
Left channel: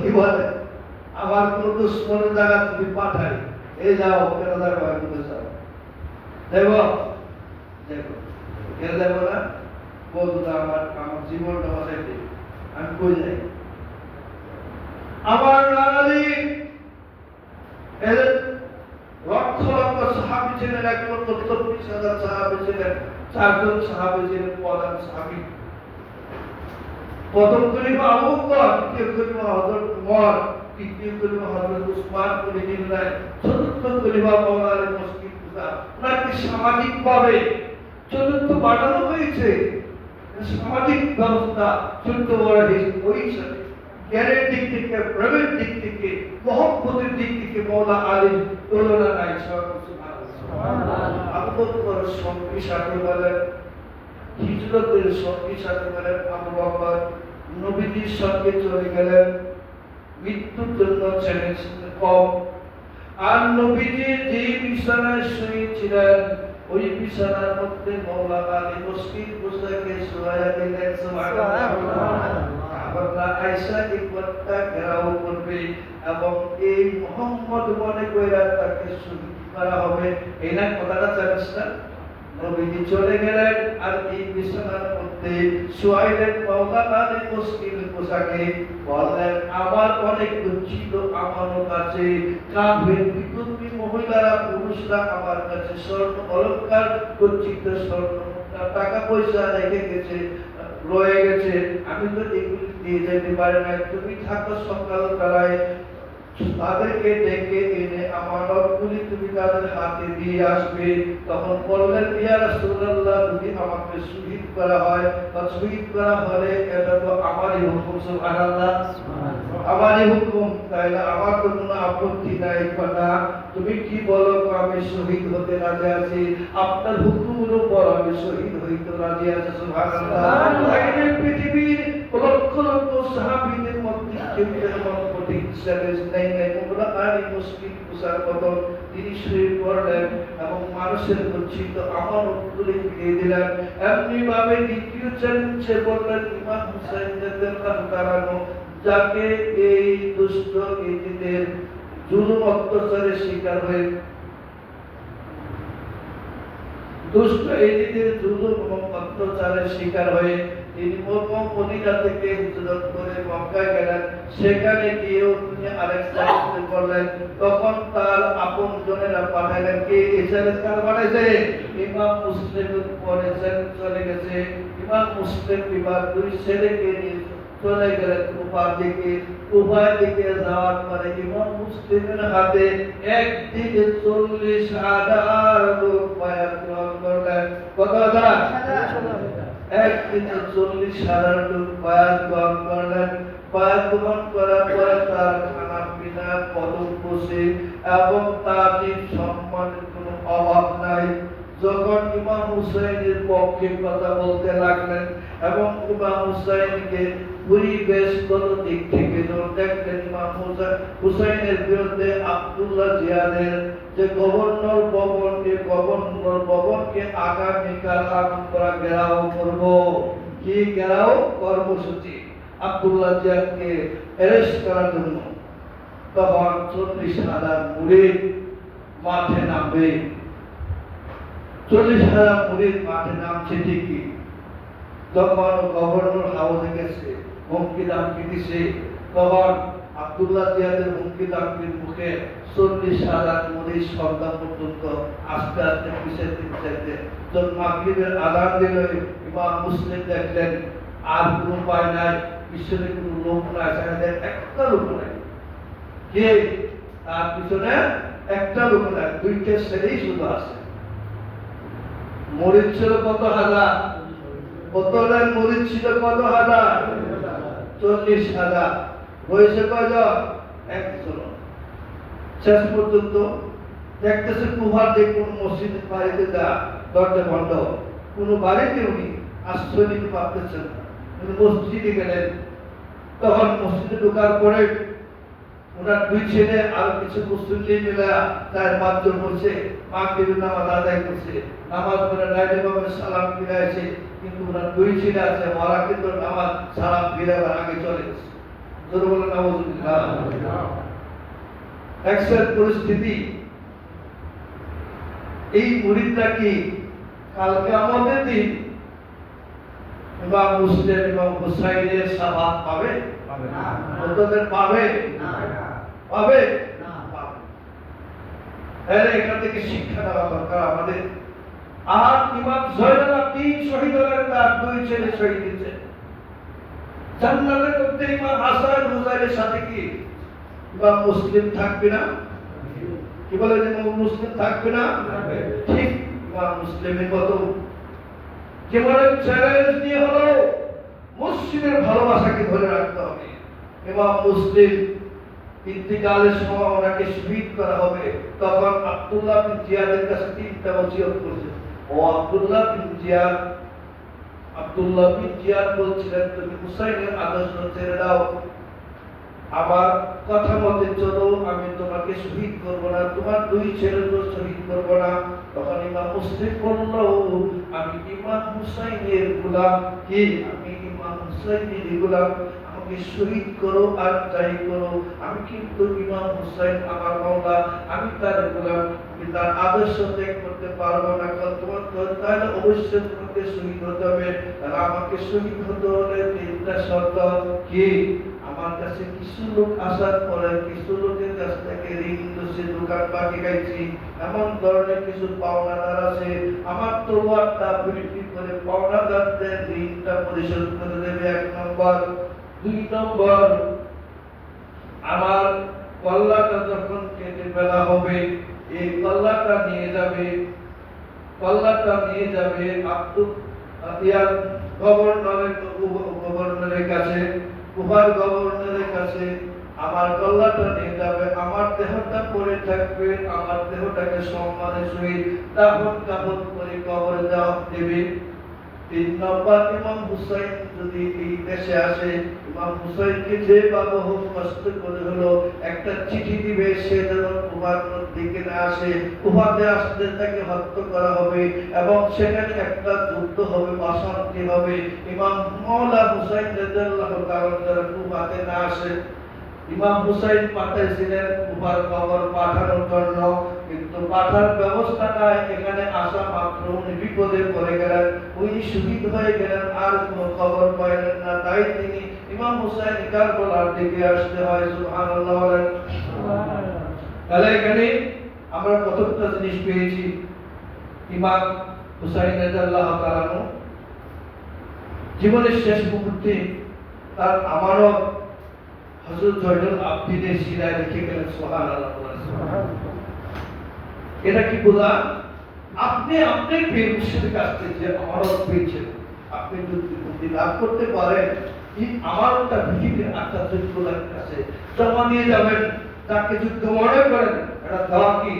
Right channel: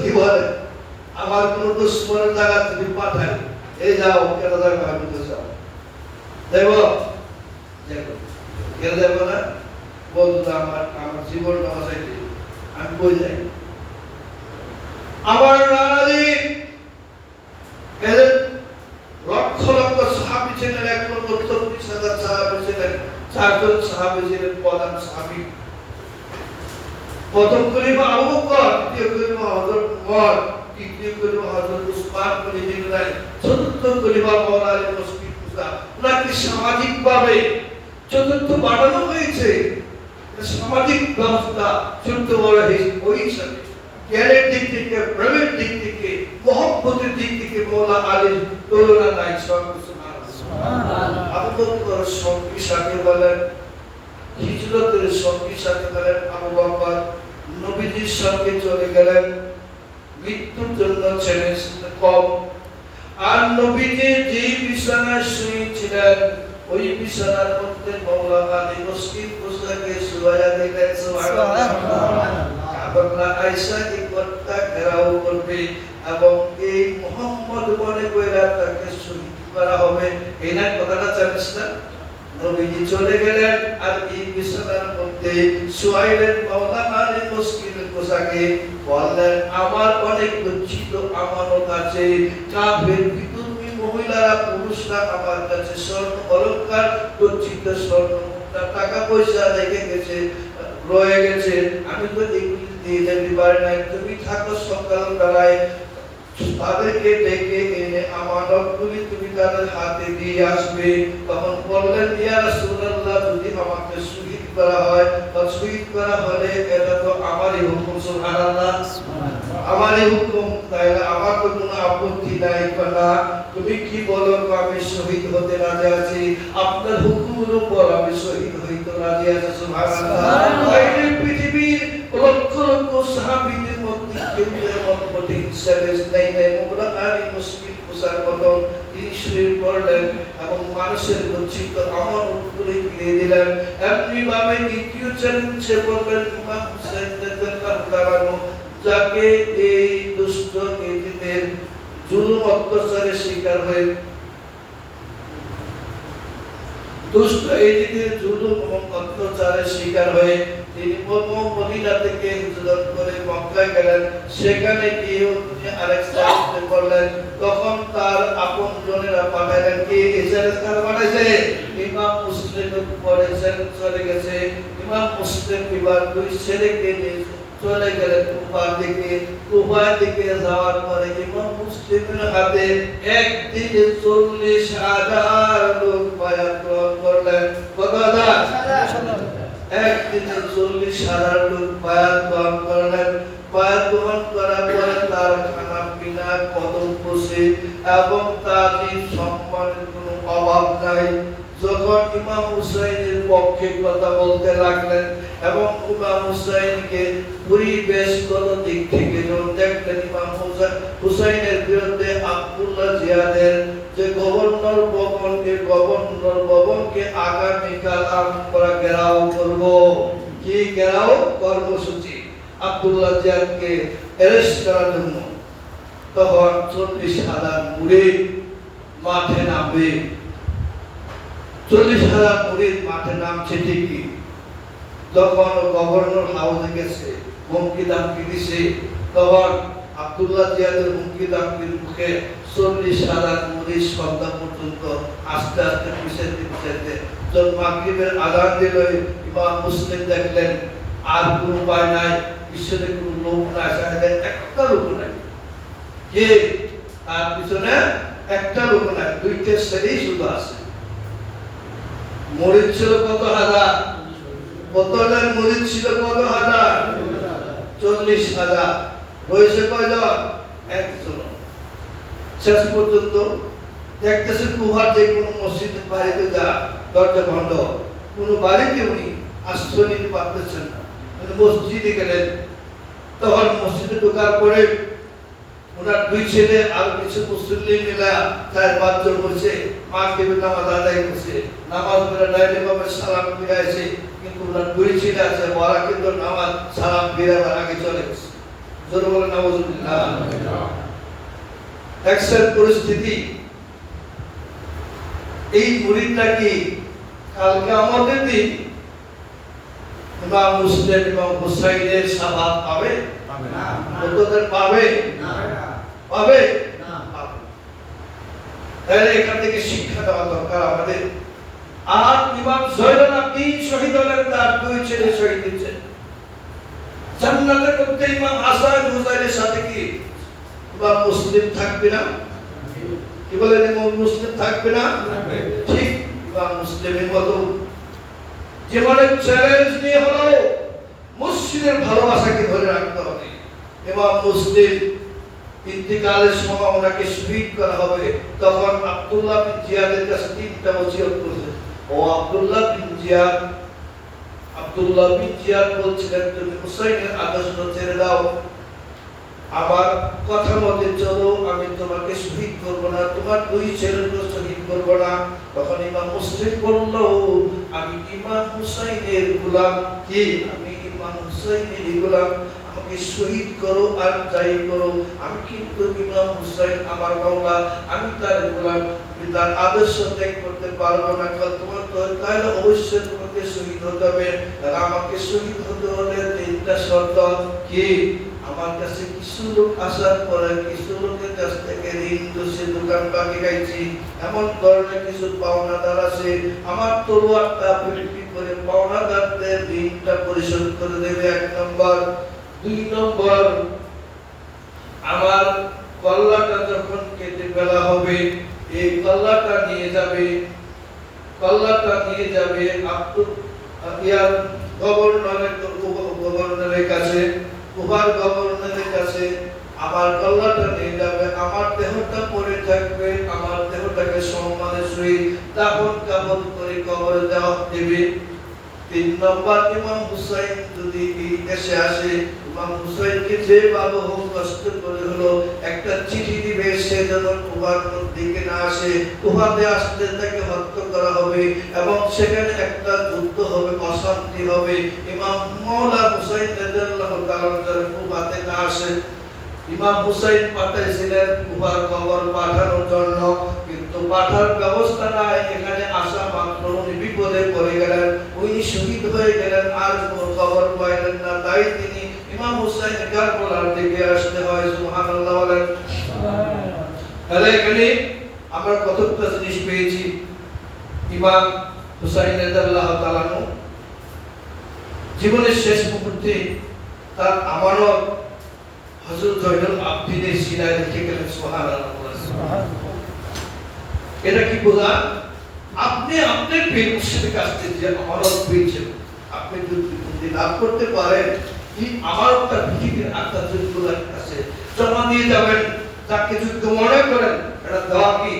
কি বলে আমার কোনো দুশ্মনের জায়গা যদি পাঠাই, এই যাও কেরাদার ভাইকে যাও, দেব কেন দেব না, বলতো আমার জীবনটা বাঁচাইতে আমি কই যাই। আমার নানাজি এদের লক্ষ লক্ষ সাহাবী ছিলেন, 1,34,000 সাহাবী ছিলেন, 4 জন সাহাবী ছিলেন প্রধান সাহাবী। প্রথম খলিফা আবু বকর, দ্বিতীয় খলিফা হযরত উমর, তৃতীয় খলিফা হযরত উসমান রাদিয়াল্লাহু, চতুর্থ খলিফা মাওলানা আলী মসজিদ মুসা। ওনাকে সামাজিকভাবে চতুর্থ বাড়ানো হয়েছে। সামাজিক ব্যবস্থা চতুর্থ বড় হয়েছে ওই হিসাবে। জ্ঞানের দিক থেকে, প্রেমের দিক থেকে, মহব্বতের দিক থেকে মাওলানা আলীর তুলনা নাই। সুবহানাল্লাহ। আবু বকর সঙ্গী সাথে বলেন, হিজরতের সঙ্গী সাথে বলেন আবু বকর নবীজির সঙ্গে চলে গেলেন, মৃত্যুর জন্য ছেলে কম। আর নবীজি যে বিছানায় শুয়েছিলেন, ওই বিছানার মধ্যে মাওলানা আলী মসজিদ মুসাকে শুয়ায়া দিলেন। সুবহানাল্লাহ। কাবাল্লা আয়েশা ইকবারটা ঘেরাও করবে এবং এই মুহাম্মদ মনে কইরা তাকে শহীদ করা হবে। এই না কথাটা জানিস না? নবীজি চলে গেলেন আর এই বিছানার মধ্যে শুয়াইলেন মাওলানা আলী মসজিদ মুসাকে। বললেন, আমার অনেক লজ্জিত আমানত আছে, কাফের বিধর্মী মহিলারা, পুরুষরা আমার কাছে স্বর্ণ অলংকার, লজ্জিত স্বর্ণ টাকা পয়সা রেখে গেছে, রয়ে গেছে, আমি তো এগুলি দিয়ে যেতে পারি না। তুমি থাকো সকাল বেলায় তাদেরকে ডেকে এনে আমানতগুলি তুমি তাদের হাতে দিয়ে আসবে। তখন বললেন, ইয়া রাসূলুল্লাহ, যদি আমাকে শহীদ করা হয়, বা শহীদ করা হলে এটা তো আমারই হুকুম। সুবহানাল্লাহ। আমারই হুকুম, তাইলে আমার তো কোনো আপত্তি নাই। না, তুমি কি বলো, আমি শহীদ হতে রাজি আছি, আপনার হুকুমের উপর আমি শহীদ হইতে রাজি আছি। সুবহানাল্লাহ। এই পৃথিবীর লক্ষ লক্ষ সাহাবীদের মধ্যে কেউ এমন কঠিন চ্যালেঞ্জ নাই মাওলানা আলী মসজিদ মুসার মতন। তিনি শুয়ে পড়লেন এবং মানুষের লজ্জিত আমানতগুলি দিয়ে দিলেন। এমনি ভাবে দ্বিতীয় চ্যালেঞ্জে বললেন ইমাম হুসাইন রাদিয়াল্লাহু তাআলা, যাকে এই দুষ্ট ইহুদিদের জুলুম অত্যাচারের শিকার হয়ে, দুষ্ট ইহুদিদের জুলুম এবং অত্যাচারের শিকার হয়ে তিনি মদিনা থেকে হিজরত করে মক্কায় গেলেন। সেখানে গিয়ে তিনি আরেক সাহাবীকে বললেন, তখন তার আপনজনেরা পাঠালেন, কে ইসরায়েল কার বানাইছে? ইমাম মুসলিমের উপরে চলে গেছে। ইমাম মুসলিম এবার দুই ছেলেকে নিয়ে চলে গেলেন কুফার দিকে যাওয়ার পরে ইমাম মুসলিমের হাতে একদিনে 40,000 লোক বায়াত গ্রহণ করলেন। কতটা? একদিনে 40,000 লোক বায়াত গ্রহণ করলেন। বায়াত গ্রহণ করার পরে তার খানা পিনা কদম বসে এবং তার সম্মানের কোনো অভাব নাই। তখন ইমাম হুসাইনের পক্ষে কথা বলতে লাগলেন এবং ইমাম হুসাইনকে পরিবেশগত দিক থেকে যখন দেখলেন ইমাম হুসাইনের বিরুদ্ধে আব্দুল্লাহ জিয়াদের যে গভর্নর ভবনকে আগামীকাল আমরা ঘেরাও করব, কি ঘেরাও কর্মসূচি আব্দুল্লাহ জিয়াদকে অ্যারেস্ট করার জন্য, তখন 40,000 মুরিদ মাঠে নামবে। 40,000 মুরিদ মাঠে নামছে ঠিকই, তখন গভর্নর হাউসে গেছে, হুমকি দামকি দিছে, তখন আব্দুল্লাহ জিয়াদের হুমকি দামকির মুখে 40,000 মুরিদ সন্ধ্যা পর্যন্ত আস্তে আস্তে পিছাইতে যখন মাগরিবের আযান দিল, ইমাম মুসলিম দেখলেন আর কোনো উপায় নাই, পিছনে কোনো লোক নাই, একটা লোক নাই, কে তার পিছনে একটা লোক নাই, দুইটা ছেলেই শুধু আছে। মুরিদ ছিল কত হাজার, কতজন মুরিদ ছিল কত হাজার, 40,000, হয়েছে কয়জন, একজন। শেষ পর্যন্ত দেখতেছেন কুহার যে কোন মসজিদ বাড়িতে যা দরজা বন্ধ, কোন বাড়িতে উনি আশ্রয় নিতে পারতেছেন না, মসজিদে গেলেন। তখন মসজিদে ঢোকার পরে ওনার দুই ছেলে আর কিছু মুসল্লি মিলে 4-5 জন বসে মাগরিবের নামাজ আদায় করছে, নামাজ পড়ে ডাইরেক্ট ভাবে সালাম ফিরাইছে, কিন্তু ওনার দুই ছেলে আছে ওরা কিন্তু নামাজ সালাম ফিরাবার আগে চলে গেছে। জোর বলে নাউজুবিল্লাহ। এক্সেল পরিস্থিতি। এই মুরিদরা কি কালকে আমাদের দিন ইমাম মুসলিম এবং হুসাইনের শাফাত পাবে? পাবে না। কতদের পাবে? না। পাবে না। পাবে। তাহলে এখান থেকে শিক্ষা দেওয়া দরকার আমাদের। আর ইমাম জয়নুল আবদিন শহীদ হলেন, তার দুই ছেলে শহীদ হয়েছে। জান্নাতের মধ্যে ইমাম হাসান হুসাইনের সাথে কি ইমাম মুসলিম থাকবে না? কি বলেন, ইমাম মুসলিম থাকবে না? ঠিক ইমাম মুসলিমের মতো জীবনের চ্যালেঞ্জ নিয়ে হলো মসজিদের ভালোবাসাকে ধরে রাখতে হবে। ইমাম মুসলিম ইন্তিকালের সময় ওনাকে শহীদ করা হবে, তখন আব্দুল্লাহ বিন জিয়াদের কাছে 3টা ওসিয়ত করেছে। ও আব্দুল্লাহ বিন জিয়াদ বলছিলেন, তুমি হুসাইনের আদর্শ ছেড়ে দাও, আমার কথা মতে চলো, আমি তোমাকে শহীদ করব না, তোমার দুই ছেলেকে শহীদ করব না। তখন ইমাম মুসলিম বলল, আমি ইমাম হুসাইনের গোলাম, কি আমি ইমাম হুসাইনের গোলাম, আমাকে শহীদ করো আর যাই করো, আমি কিন্তু ইমাম হুসাইন আমার মাওলা, আমি তার গোলাম, আমি তার আদর্শ ত্যাগ করতে পারবো না। তোমার তো তাহলে অবশ্যই তোমাকে শহীদ হতে হবে। তাহলে আমাকে শহীদ হতে হলে 3টা শর্ত, কি আমার কাছে কিছু লোক আসার পরে কিছু লোকের কাছ থেকে ঋণ দোষে দোকান বাকি গাইছি, এমন ধরনের কিছু পাওনাদার আছে, আমার তলোয়ারটা বিক্রি করে পাওনাদারদের ঋণটা পরিশোধ করে দেবে, 1 নম্বর। 2 নম্বর, আমার কল্লাটা যখন কেটে ফেলা হবে, এই কল্লাটা নিয়ে যাবে গভর্নরের কাছে, উহার গভর্নরের কাছে আমার গলাটা নিয়ে যাবে, আমার দেহটা পড়ে থাকবে, আমার দেহটাকে সম্মানের সহিত দাফন কাফন করে কবরে দেবে। 3 নম্বর, ইমাম হুসাইন যদি এই দেশে আসে, ইমাম হুসাইনকে যে ভালো হোক কষ্ট করে হলো একটা চিঠি দিবে, সে যেন কুবার দিকে না আসে, কুবাতে আসলে তাকে হত্যা করা হবে এবং সেখানে একটা যুদ্ধ হবে, অশান্তি হবে। ইমাম মাওলা হুসাইন রাদিয়াল্লাহু তাআলা যেন কুবাতে না আসে। ইমাম হুসাইন পাঠাইছিলেন কুবার খবর পাঠানোর জন্য, কিন্তু পাঠার ব্যবস্থা নাই, এখানে আসা মাত্র উনি বিপদে পড়ে গেলেন, উনি শহীদ হয়ে গেলেন, আর কোনো খবর পাইলেন না। তাই তিনি ইমাম হুসাইন কারবালার দিকে আসতে হয়। সুবহানাল্লাহ বলেন। তাহলে এখানে আমরা কতটা জিনিস পেয়েছি। ইমাম হুসাইন রাদিয়াল্লাহু তাআলা জীবনের শেষ মুহূর্তে তার আমানত হযরত জয়নুল আবদিনের সিরায় লিখে গেলেন। সুবহানাল্লাহ। এটা কি বোঝা? আপনি আপনার প্রিয় মুর্শিদের কাছ থেকে যে আমানত পেয়েছেন, আপনি যদি লাভ করতে পারেন, এই আমানতটা পৃথিবীর আত্মার কাছে জমা দিয়ে যাবেন। যাকে যুদ্ধ মনে করেন, এটা দেওয়া কি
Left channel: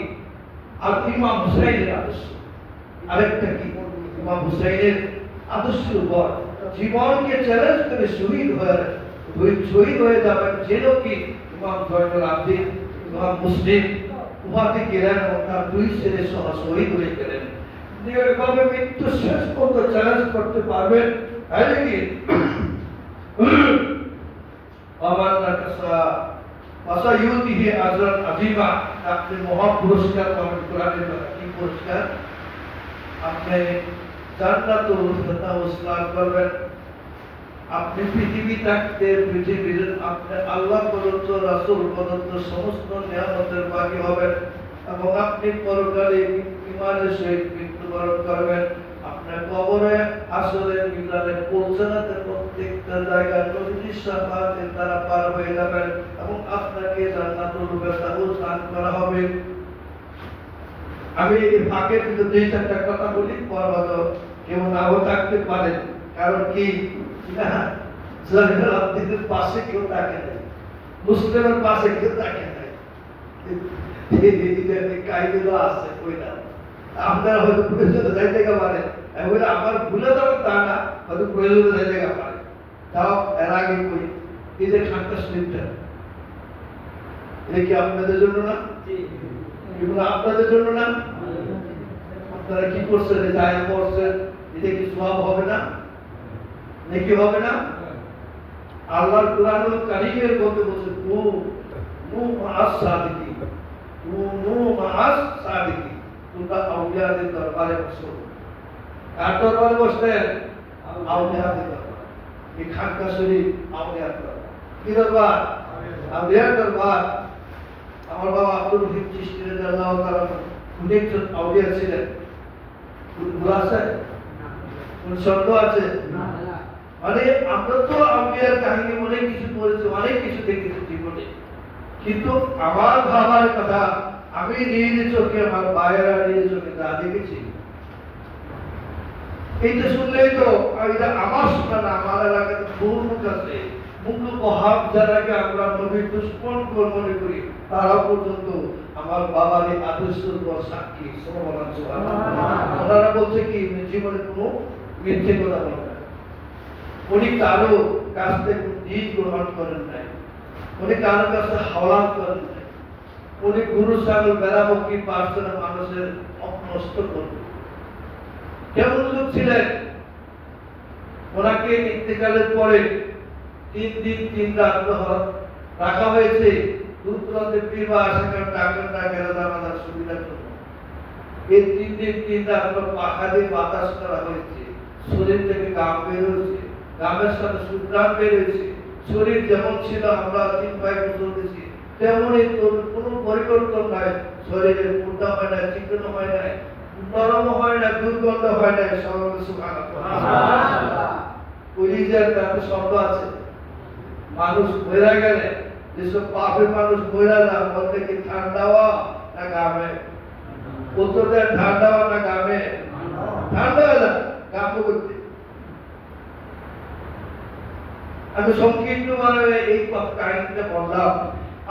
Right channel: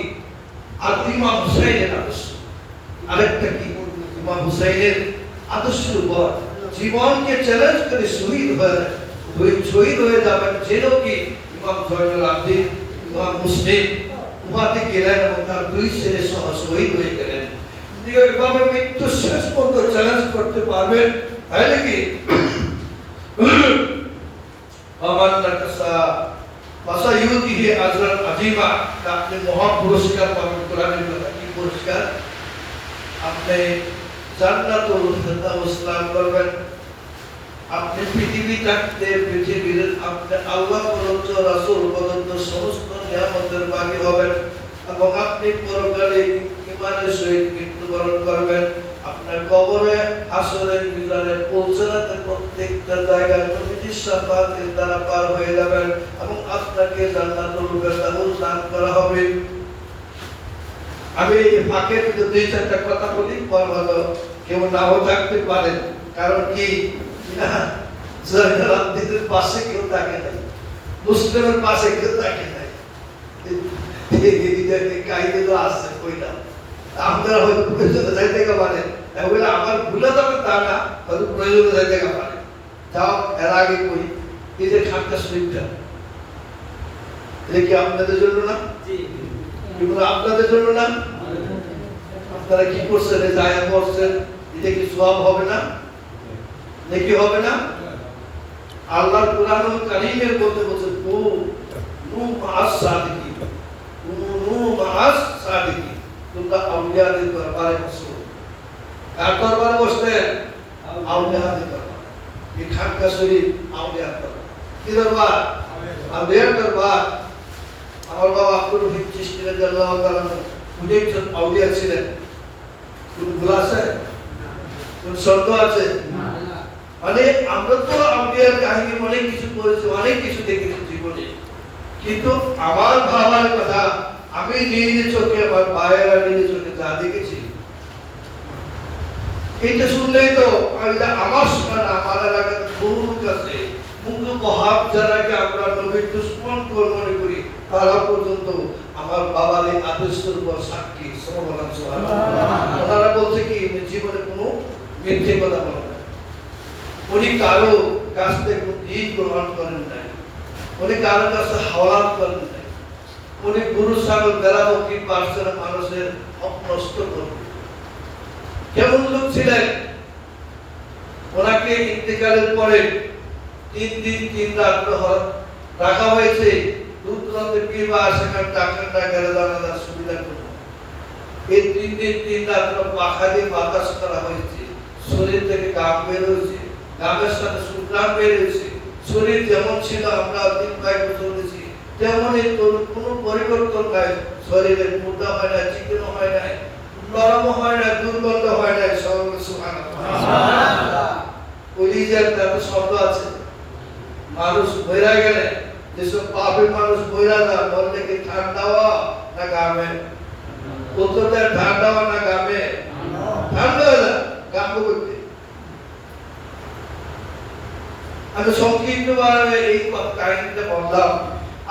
আর ইমাম হুসাইনের আদর্শ। আরেকটা কি ইমাম হুসাইনের আদর্শের উপর জীবনকে চ্যালেঞ্জ করে শহীদ হয়ে যাবেন যেন কি ইমাম জয়নুল আবদিন ইমাম মুসলিম উপাধি গেলেন এবং তার দুই ছেলে সহ শহীদ হয়ে গেলেন। এইভাবে মৃত্যু শেষ পর্যন্ত চ্যালেঞ্জ করতে পারবেন, তাহলে কি আমার কাছে পাশা ইউতিহি আজরান আজিমা, আপনি মহা পুরস্কার পাবেন। কোরআনের কথা কি পুরস্কার? আপনি জান্নাতুল ফেরদাউস লাভ করবেন। আপনি পৃথিবী থাকতে পৃথিবীর আপনি আল্লাহ প্রদত্ত রাসূল প্রদত্ত সমস্ত নিয়ামতের ভাগী হবেন এবং আপনি পরকালে ঈমানের সহিত মৃত্যুবরণ করবেন। আপনার কবরে হাসরের মিজানে পৌঁছাতে প্রত্যেকটা জায়গা নবীজির শাফাতের দ্বারা পার হয়ে যাবেন এবং আপনাকে জান্নাতুল ফেরদাউস দান করা হবে। আমি এই ফাঁকে কিন্তু দুই চারটা কথা বলি, পর হয়তো কেউ নাও থাকতে পারেন। কারণ কি না, জয়নুল আবদিনের পাশে কেউ থাকে নাই, মুসলিমের পাশে কেউ থাকে নাই, কাহিনী আছে কইলা আপনারা হয়তো প্রয়োজনে যাইতে পারেন, আমার ভুলে যাবে তা না, হয়তো প্রয়োজনে যাইতে পারে। যাও এর আগে কই এই যে খানকা শরীফটা, এটা কি আপনাদের জন্য না? এগুলো আপনাদের জন্য না? আপনারা কি করছেন? জায়া করছেন, এটা কি সওয়াব হবে না? নেকি হবে না? আল্লাহর কোরআনুল কারীমের মধ্যে বলছে নু মাআস সাদিকিন, নু মাআস সাদিকিন, তোমরা আউলিয়াদের দরবারে বসো। কার দরবারে বসতেন? আউলিয়াদের দরবারে। এই খানকা শরীফ আউলিয়ার দরবার। কি দরবার? আউলিয়ার দরবার। আমার বাবা আব্দুল রহিম চিশতি রাদিয়াল্লাহু তাআলা উনি একজন আউলিয়া ছিলেন। কোন ভুল আছে? কোন সন্দেহ আছে? মানে আমরা তো আউলিয়ার কাহিনী অনেক কিছু পড়েছি, অনেক কিছু দেখেছি জীবনে, কিন্তু আমার বাবার কথা আমি নিজে চোখে, আমার ভাইয়েরা নিজে চোখে যা দেখেছি, এইটা শুনলেই তো এটা আমার শোনা না, আমার এলাকার বহু লোক আছে মুগ্ধ কহাব যারাকে আমরা নবীর দুশ্মন মনে করি, তারা পর্যন্ত আমার বাবার এই আদর্শের উপর সাক্ষী। ওনারা বলছে কি জীবনে কোনো মিথ্যে কথা বলে না, উনি কারো কাছ থেকে দিন গ্রহণ করেন নাই, উনি কারো কাছে হাওলাত করেন নাই, উনি গুরু ছাগল বেড়া বকরি পার্সেন্ট মানুষের নষ্ট করবেন। কেমন লোক ছিলেন? ওনাকে ইন্তেকালের পরে 3 দিন 3 রাত রাখা হয়েছে দূর দূরান্তের কিংবা সেখানে ডাক্তার না গেলে জানাজার সুবিধার জন্য। এই 3 দিন 3 রাত পাখা দিয়ে বাতাস করা হয়েছে, শরীর থেকে ঘাম বের হয়েছে, ঘামের সাথে সুগ্রাম বের হয়েছে। শরীর যেমন ছিল আমরা 3-5 বছর দিয়েছি তেমনই কোনো পরিবর্তন নাই। শরীরে মোটা হয় না, চিকন হয় না, নরম হয় না, দুর্গন্ধ হয় না। সুবহানাল্লাহ। কলিজার তাতে শব্দ আছে। মানুষ বইরা গেলে যেসব পাপের মানুষ বইরা না, বলতে কি ঠান্ডা না গামে? উত্তরটা ঠান্ডা না গামে? ঠান্ডা না গামে করতে। আমি সংক্ষিপ্তভাবে এই কাহিনীটা বললাম।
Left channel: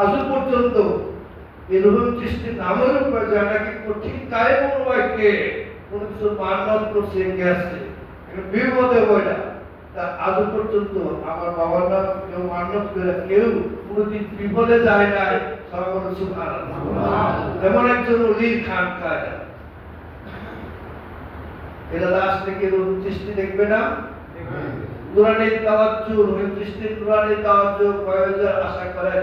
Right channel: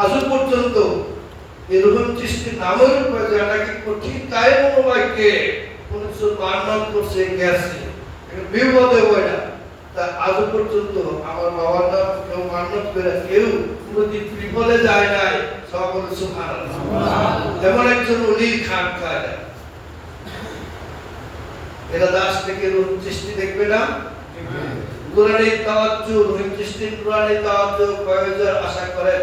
আজ পর্যন্ত এই রহিম চিশতি নামের উপর যেটাকে কঠিন কায়ে মনোবাক্যে কোন কিছু মান্যত করছে গেছে, বিপদে বইটা তা আজ পর্যন্ত আমার বাবার নাম কেউ মান্যত করে কেউ কোনদিন বিফলে যায় নাই। সব বলে সুবহানাল্লাহ। এমন একজন ওলি খান খাজা, এরা দাস থেকে রহিম চিশতি দেখবে না? কোরআনের তাওয়াজ্জু, রহিম চিশতির কোরআনের তাওয়াজ্জু কয়েকজন আশা করেন,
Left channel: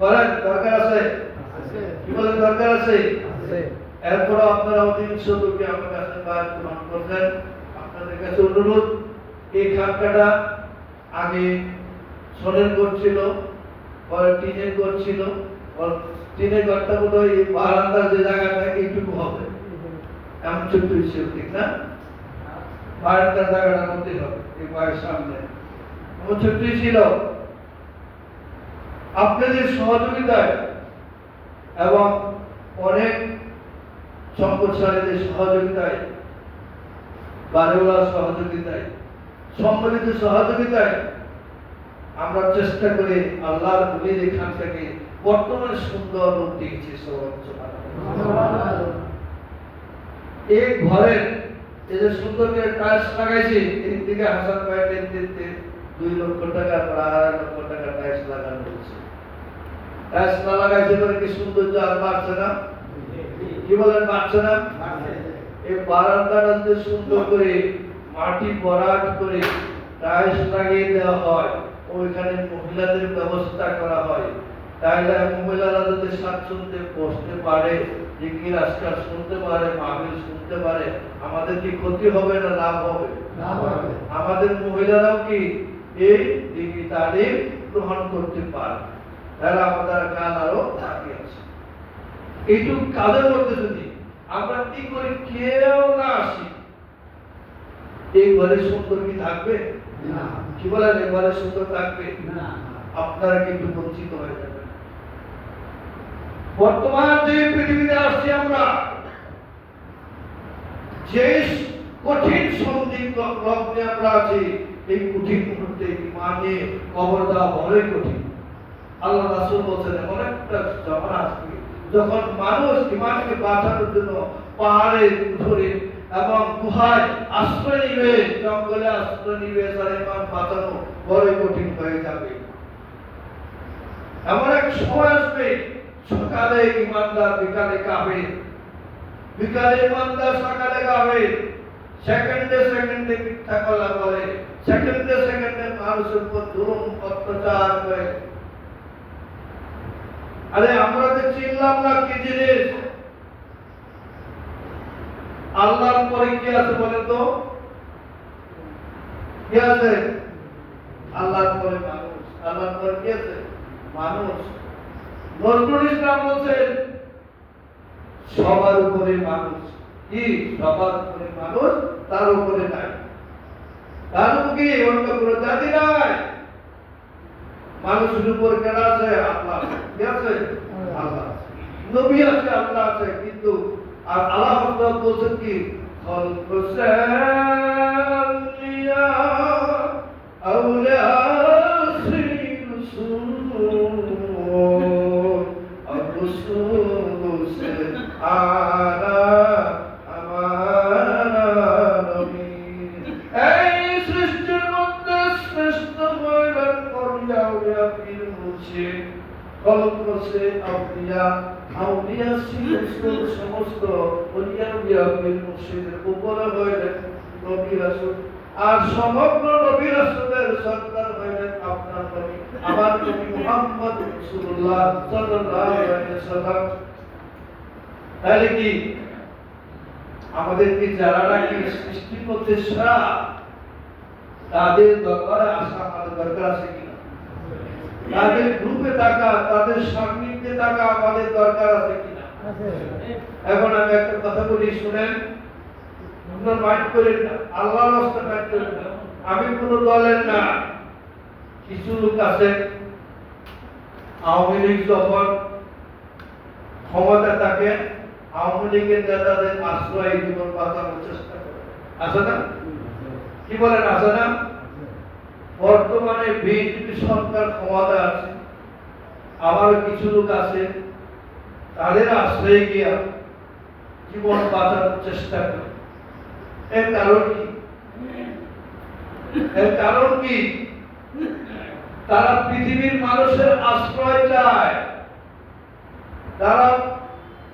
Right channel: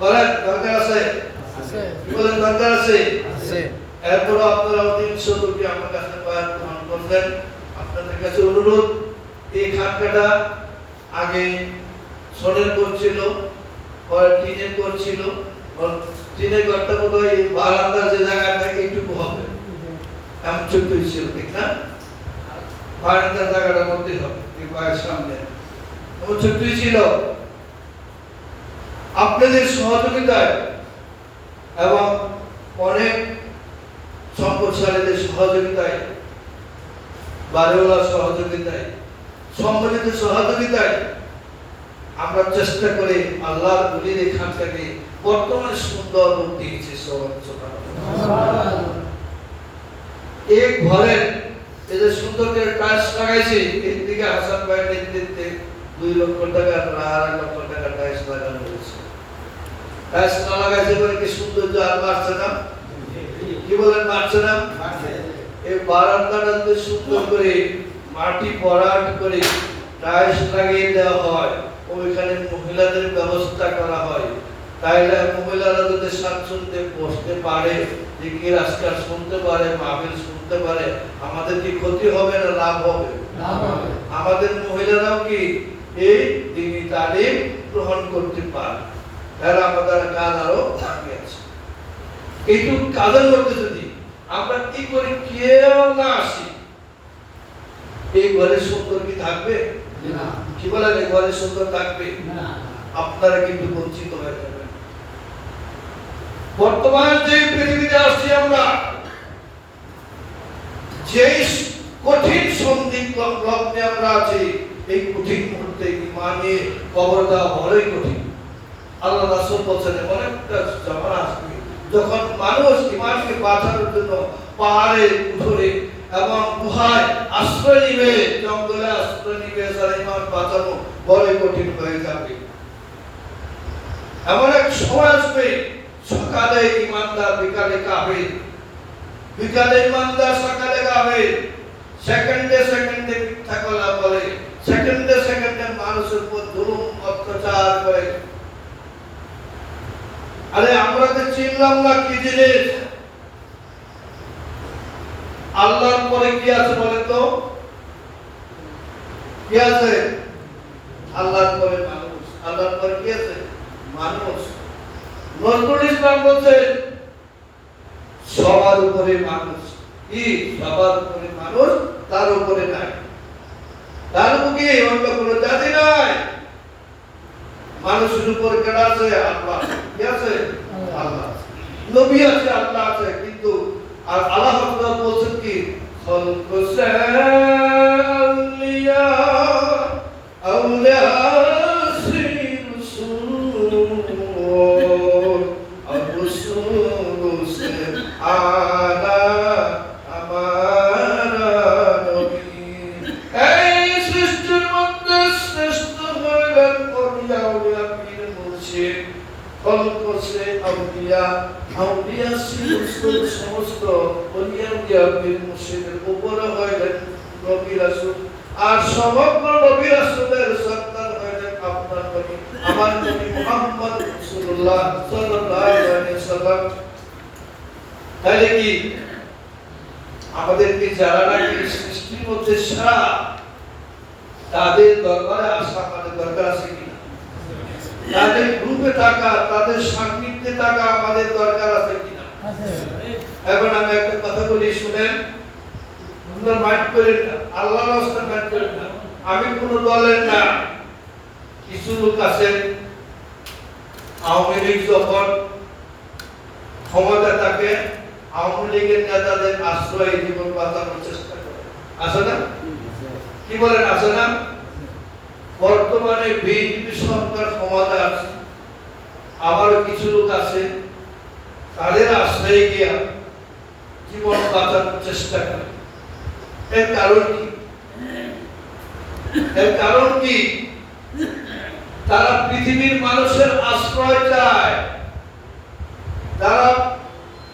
বলেন দরকার আছে? বলেন দরকার আছে? এরপর আপনারা অধীন সদুকে আমার কাছে বায়াত গ্রহণ করছেন। আপনাদের কাছে অনুরোধ, এই খানকাটা আগে সোনের করছিল, পরে টিনের করছিল। টিনের ঘরটা বোধহয় বারান্দার যে জায়গাটা এইটুকু হবে, এমন ছোট্ট ছিল, ঠিক না? বারান্দার জায়গাটা মধ্যে হবে, এই বাড়ির সামনে এমন ছোট্টই ছিল। আপনাদের সহযোগিতায় এবং অনেক সম্পদশালীদের সহযোগিতায়, বাড়িওয়ালার সহযোগিতায়, সম্মিলিত সহযোগিতায় আমরা চেষ্টা করে আল্লাহর ওলির এখান থেকে বর্তমানে সুন্দর রূপ দিয়েছে। এই ঘরের এই যে সুন্দর করে টাইলস লাগাইছি, এর দিকে হাসান ভাই নেতৃত্বে 2 লক্ষ টাকা 2.5 লক্ষ টাকা টাইলস লাগানো হয়েছে। টাইলস না লাগাইছে বলে কি সৌন্দর্য আর বাড়ছে না? কি বলেন, বাড়ছে না? এই বারান্দাটা যদি সুন্দর করে মাটি ভরাট করে টাইলস লাগিয়ে দেওয়া হয়, ওইখানে মহিলাদের ব্যবস্থা করা হয়, তাইলে মহিলারা যদি স্বাচ্ছন্দ্যে বসতে পারে, দিকে রাস্তা শুনতে পারে, মাহফিল শুনতে পারে, আমাদের কি ক্ষতি হবে না লাভ হবে? আমাদের মহিলারাও কি এই দিনী তালিম গ্রহণ করতে পারে, তারা আমাদের কাজ আরো আগে আছে। এইটুকু কাজের মধ্যে যদি আমরা কি করে কেউ না আসি, এই ঘরে সুন্দর কি থাকবে? কি বলেন, এই ঘরে সুন্দর থাকবে? আপনারা কিন্তু বঞ্চিত হয়ে যাবেন। বর্তমান যে পৃথিবীতে আসছি আমরা, যে কঠিন লগ্নে আমরা আছি, এই কঠিন মুহূর্তে ইমানে কবর দেওয়া বড়ই কঠিন। আল্লাহ রাসূল বলেছেন অনেকটা জামানা আসবে যখন মানুষ ইমানকে বাঁচানোর জন্য পাহাড়ে ধরে এবং গুহায় আশ্রয় নিবে, জঙ্গলে আশ্রয় নিবে, তার ইমান বাঁচানো বড়ই কঠিন হয়ে যাবে। এমন এক সময় আসবে, সকালে ইমানদার বিকালে কাফের, বিকালে ইমানদার সকালে কাফের, সেকেন্ডে মিথ্যা কথা বলে, সেকেন্ডে মানুষের উপর জুলুম অত্যাচার করে। আরে আমরা তো চিনলাম না কি জিনিস। আল্লাহর পরে কি আছে বলেন তো? কি আছে? আল্লাহর পরে মানুষ। আল্লাহর পরে কি আছে? মানুষ। নজরুল ইসলাম বলছেন সবার উপরে মানুষ। কি? সবার উপরে মানুষ, তার উপরে নাই। তার উপরে কি অন্য কোনো জাতি নাই। মানুষের উপর কেডা আছে? আল্লাহ। কি আছে? আল্লাহ। নবী আছে, আল্লাহ আছে, কিন্তু আর আল্লাহ তাআলা বলেন কি খালকুসালিয়া আউলিয়া সিরসুল আর-রসুল আলা আমানা নবী। এই সৃষ্টির মধ্যে শ্রেষ্ঠ হইলেন আউলিয়া পীর মুর্শিদ। খলকসে আউলিয়া আউলিয়া সিরসুল সমস্ত আউলিয়া পীর মুর্শিদের উপরে হইলেন নবী রাসূল। আর সমগ্র নবী রাসূলের সন্তান হইলেন আপনার নবী, আমার নবী মুহাম্মদ রাসূলুল্লাহ সাল্লাল্লাহু আলাইহি ওয়াসাল্লাম। তাহলে কি আমাদের কি যারা নাকি সৃষ্টির মধ্যে সেরা, তাদের দরবারে আসা আমাদের দরকার আছে কিনা? তাদের গ্রুপে থাকা, তাদের সান্নিধ্যে থাকা আমাদের দরকার আছে কিনা? এখন আমি একটা কথা বলি, শুনেন, সুন্দর মাইন্ড করেন না, আল্লাহর রাস্তা মাইন্ড করেন না। আমি কোন দলের না। কিছু লোক আছে আওয়ামী লীগ যখন ক্ষমতা থাকে, আওয়ামী লীগের নেতাদের আশ্রয় জীবন বাঁচানোর চেষ্টা করে। আছে না? কি বলেন, আছে না? বর্তমানে বিএনপি সরকার ক্ষমতা আছে, আবার কিছু লোক আছে তাদের আশ্রয়ে গিয়া জীবন বাঁচানোর চেষ্টা করে। এর কারণ কি? এর কারণ কি? তারা পৃথিবীর মানুষের আশ্রয় চায়।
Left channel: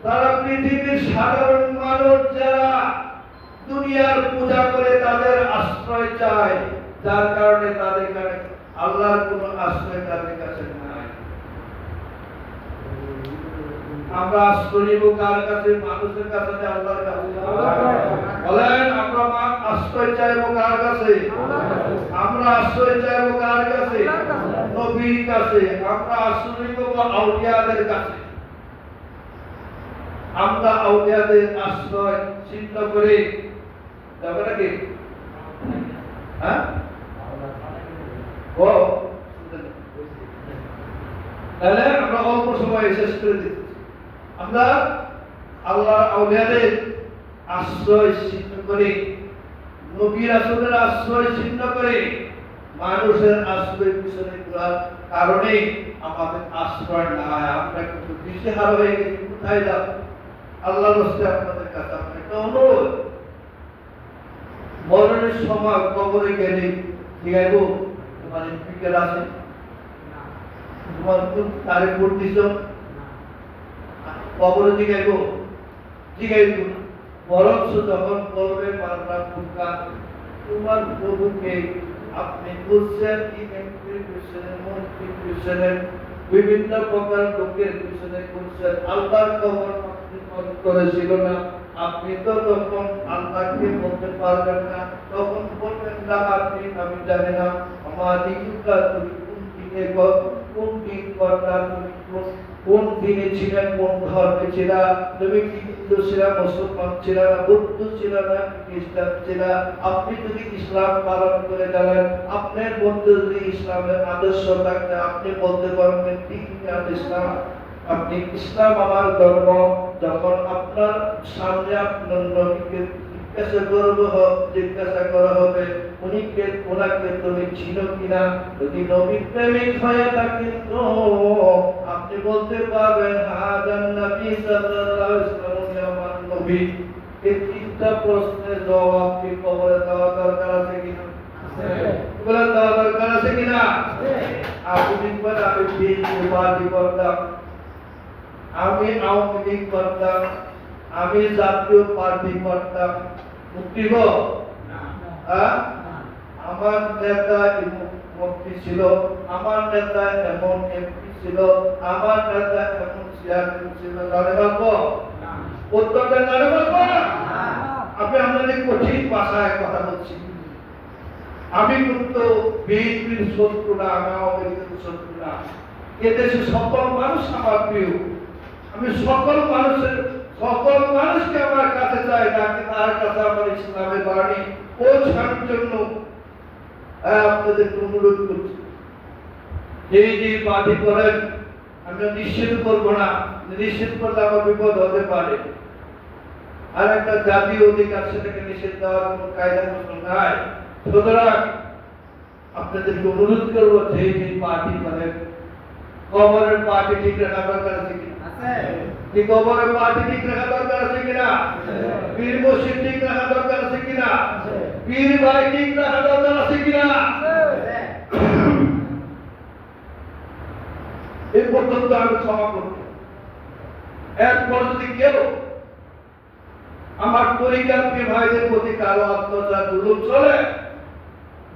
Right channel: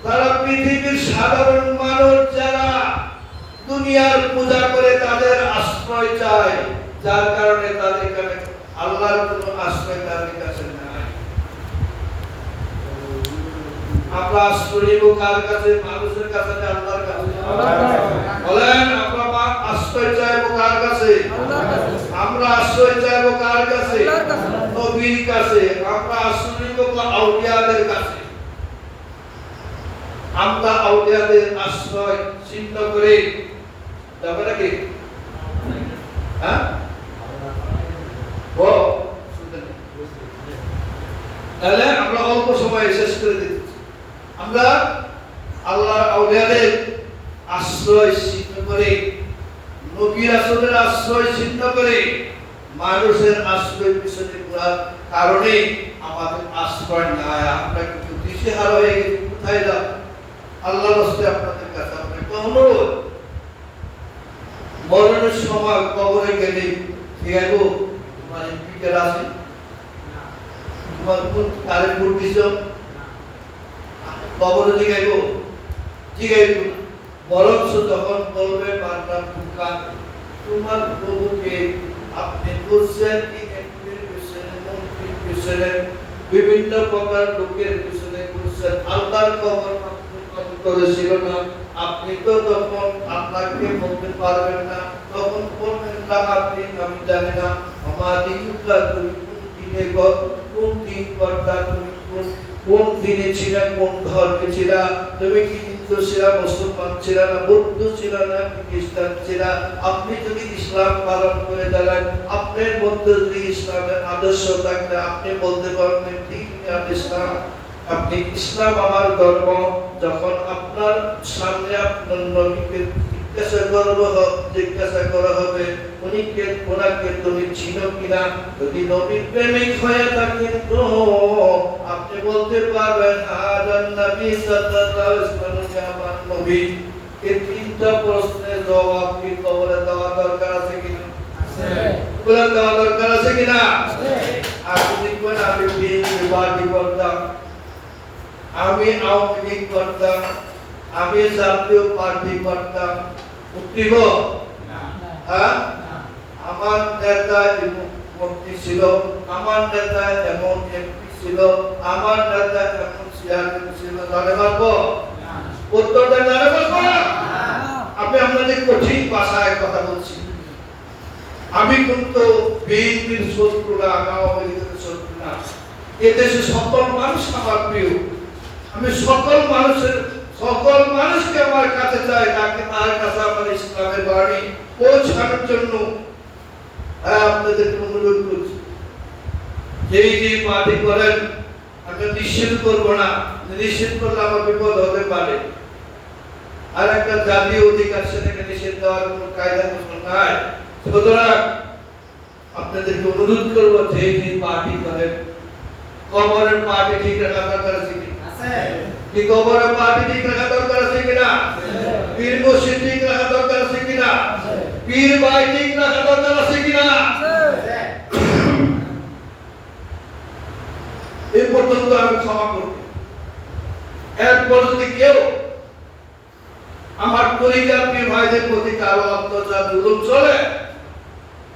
তারা পৃথিবীর সাধারণ মানুষ যারা দুনিয়ার পূজা করে তাদের আশ্রয় চায়, যার কারণে তাদের কাছে আল্লাহর কোন আশ্রয় তাদের কাছে নাই। আমরা আশ্রয় নিব কার কাছে? মানুষের কাছে না আল্লাহর কাছে? বলেন, আমরা আশ্রয় চাইব কার কাছে? আমরা আশ্রয় চাইব কার কাছে? নবীর কাছে। আমরা আশ্রয় নিব আউলিয়াদের কাছে। আমরা আউলিয়াদের আশ্রয় চিন্তা করে যাবে নাকি? হ্যাঁ, তাহলে আমরা অল্প সময় শেষ করে দিচ্ছি। আমরা আল্লাহর আউলিয়াদের আশ্রয় ছিন্ন করে, নবী রাসূলের আশ্রয় ছিন্ন করে, মানুষের আশ্রয় পিছনে ঘোরার কারণে আমাদের আশ্রয় নাই। আমরা কিন্তু দিশেহারা হয়ে গেছি। কোথায় যাব? আল্লাহর রাস্তায় আপনাদের কাছে আমরা একটা অনুরোধ, মরণের সময় কবরে গেলে জিগাইব তোমার স্পিকার আছে, তোমার কারে ভোট দিছ, কবরে জিগাইব জিগাইব না, বরঞ্চ যখন বলবে পাল্টা ফুটকা তোমার প্রভুকে আপনি করছেন কি এমপির পিছনে, মন্ত্রীর পিছনে, বিভিন্ন প্রকার লোকের পিছনে করছেন, আল্লাহর খবর আপনি করেছিল না, আপনি তো তখন আল্লাহকে বলতে পারবেন না, তখন বলবেন না আপনি আমি জানি না আমার দিনটা তুমি কোন দিন করতা, তুমি কোন দিনে ছিলা, কোন ধর্মে ছিলা, তুমি কি হিন্দু ছিলা, মুসলমান ছিলা না, বৌদ্ধ ছিলা না, খ্রিস্টান ছিলা, আপনি যদি ইসলাম পালন করে গেলেন, আপনার মধ্যে যদি ইসলামের আদর্শ থাকলে আপনি বলতে পারবেন ঠিক ইসলাম, আপনি ইসলাম আমার ধর্ম। যখন আপনার সামনে আপনার নবীকে জিজ্ঞাসা করা হবে ওনাকে তুমি চিনো কিনা, যদি নবীর প্রেমিক হয়ে থাকেন তো আপনি বলতে পারবেন হাদান নবী সাল্লাল্লাহু আলাইহি ওয়াসাল্লাম আমার নবী। এই তিনটা প্রশ্নের জবাব কি কবরে দেওয়া দরকার আছে কিনা? আছে। বলে দেওয়া দরকার আছে কিনা? আছে। আপনি দেখবেন আমি বিএনপি পার্টি করতাম, আমি আওয়ামী লীগ করতাম, আমি জাতীয় পার্টি করতাম, উঠিব হ্যাঁ? আমার নেতা মন্ত্রী ছিল, আমার নেতা এমন এমপি ছিল, আমার নেতা এমন চেয়ারম্যান ছিল, জানে পারবো? উত্তরটা জানে পারবো? আমি আপনাদের কঠিন ভাষায় কথা বলছি, আমি কিন্তু বিএনপির শত্রু না, আমি আওয়ামী লীগের শত্রু না, এদেশে সকল মানুষ আমার প্রিয়, আমি সকল মানুষকে আমার কাছে চাই, তাকে তার কাছে আমার ইসলামের বাণী পৌঁছানোর জন্য আপনাদের অনুরোধ করছি। যেই যে পার্টি করেন আমি নিষেধ করবো না, নিষেধ করলে আমার বিপদ হতে পারে, আর একটা জাতীয় অধিকার সেটাকে নিষেধ দেওয়ার কোনো কায়দা কৌশল নাই। সুতরাং আপনাদেরকে অনুরোধ করবো যেই যে পার্টি করেন কবরের পার্টি ঠিক রাখা দরকার আছে কি? কি কবরের পার্টি ঠিক রাখা দরকার আছে কিনা? পীর মসজিদ ঠিক রাখা দরকার আছে কিনা? পীর ভাই ঠিক রাখা দরকার আছে কিনা? এই পর্যন্ত আমি ক্ষমা করব। এরপর যদি কেউ আমার পরিবার পীর ভাইদের প্রতি কারো অত্যাচার জুলুম চলে,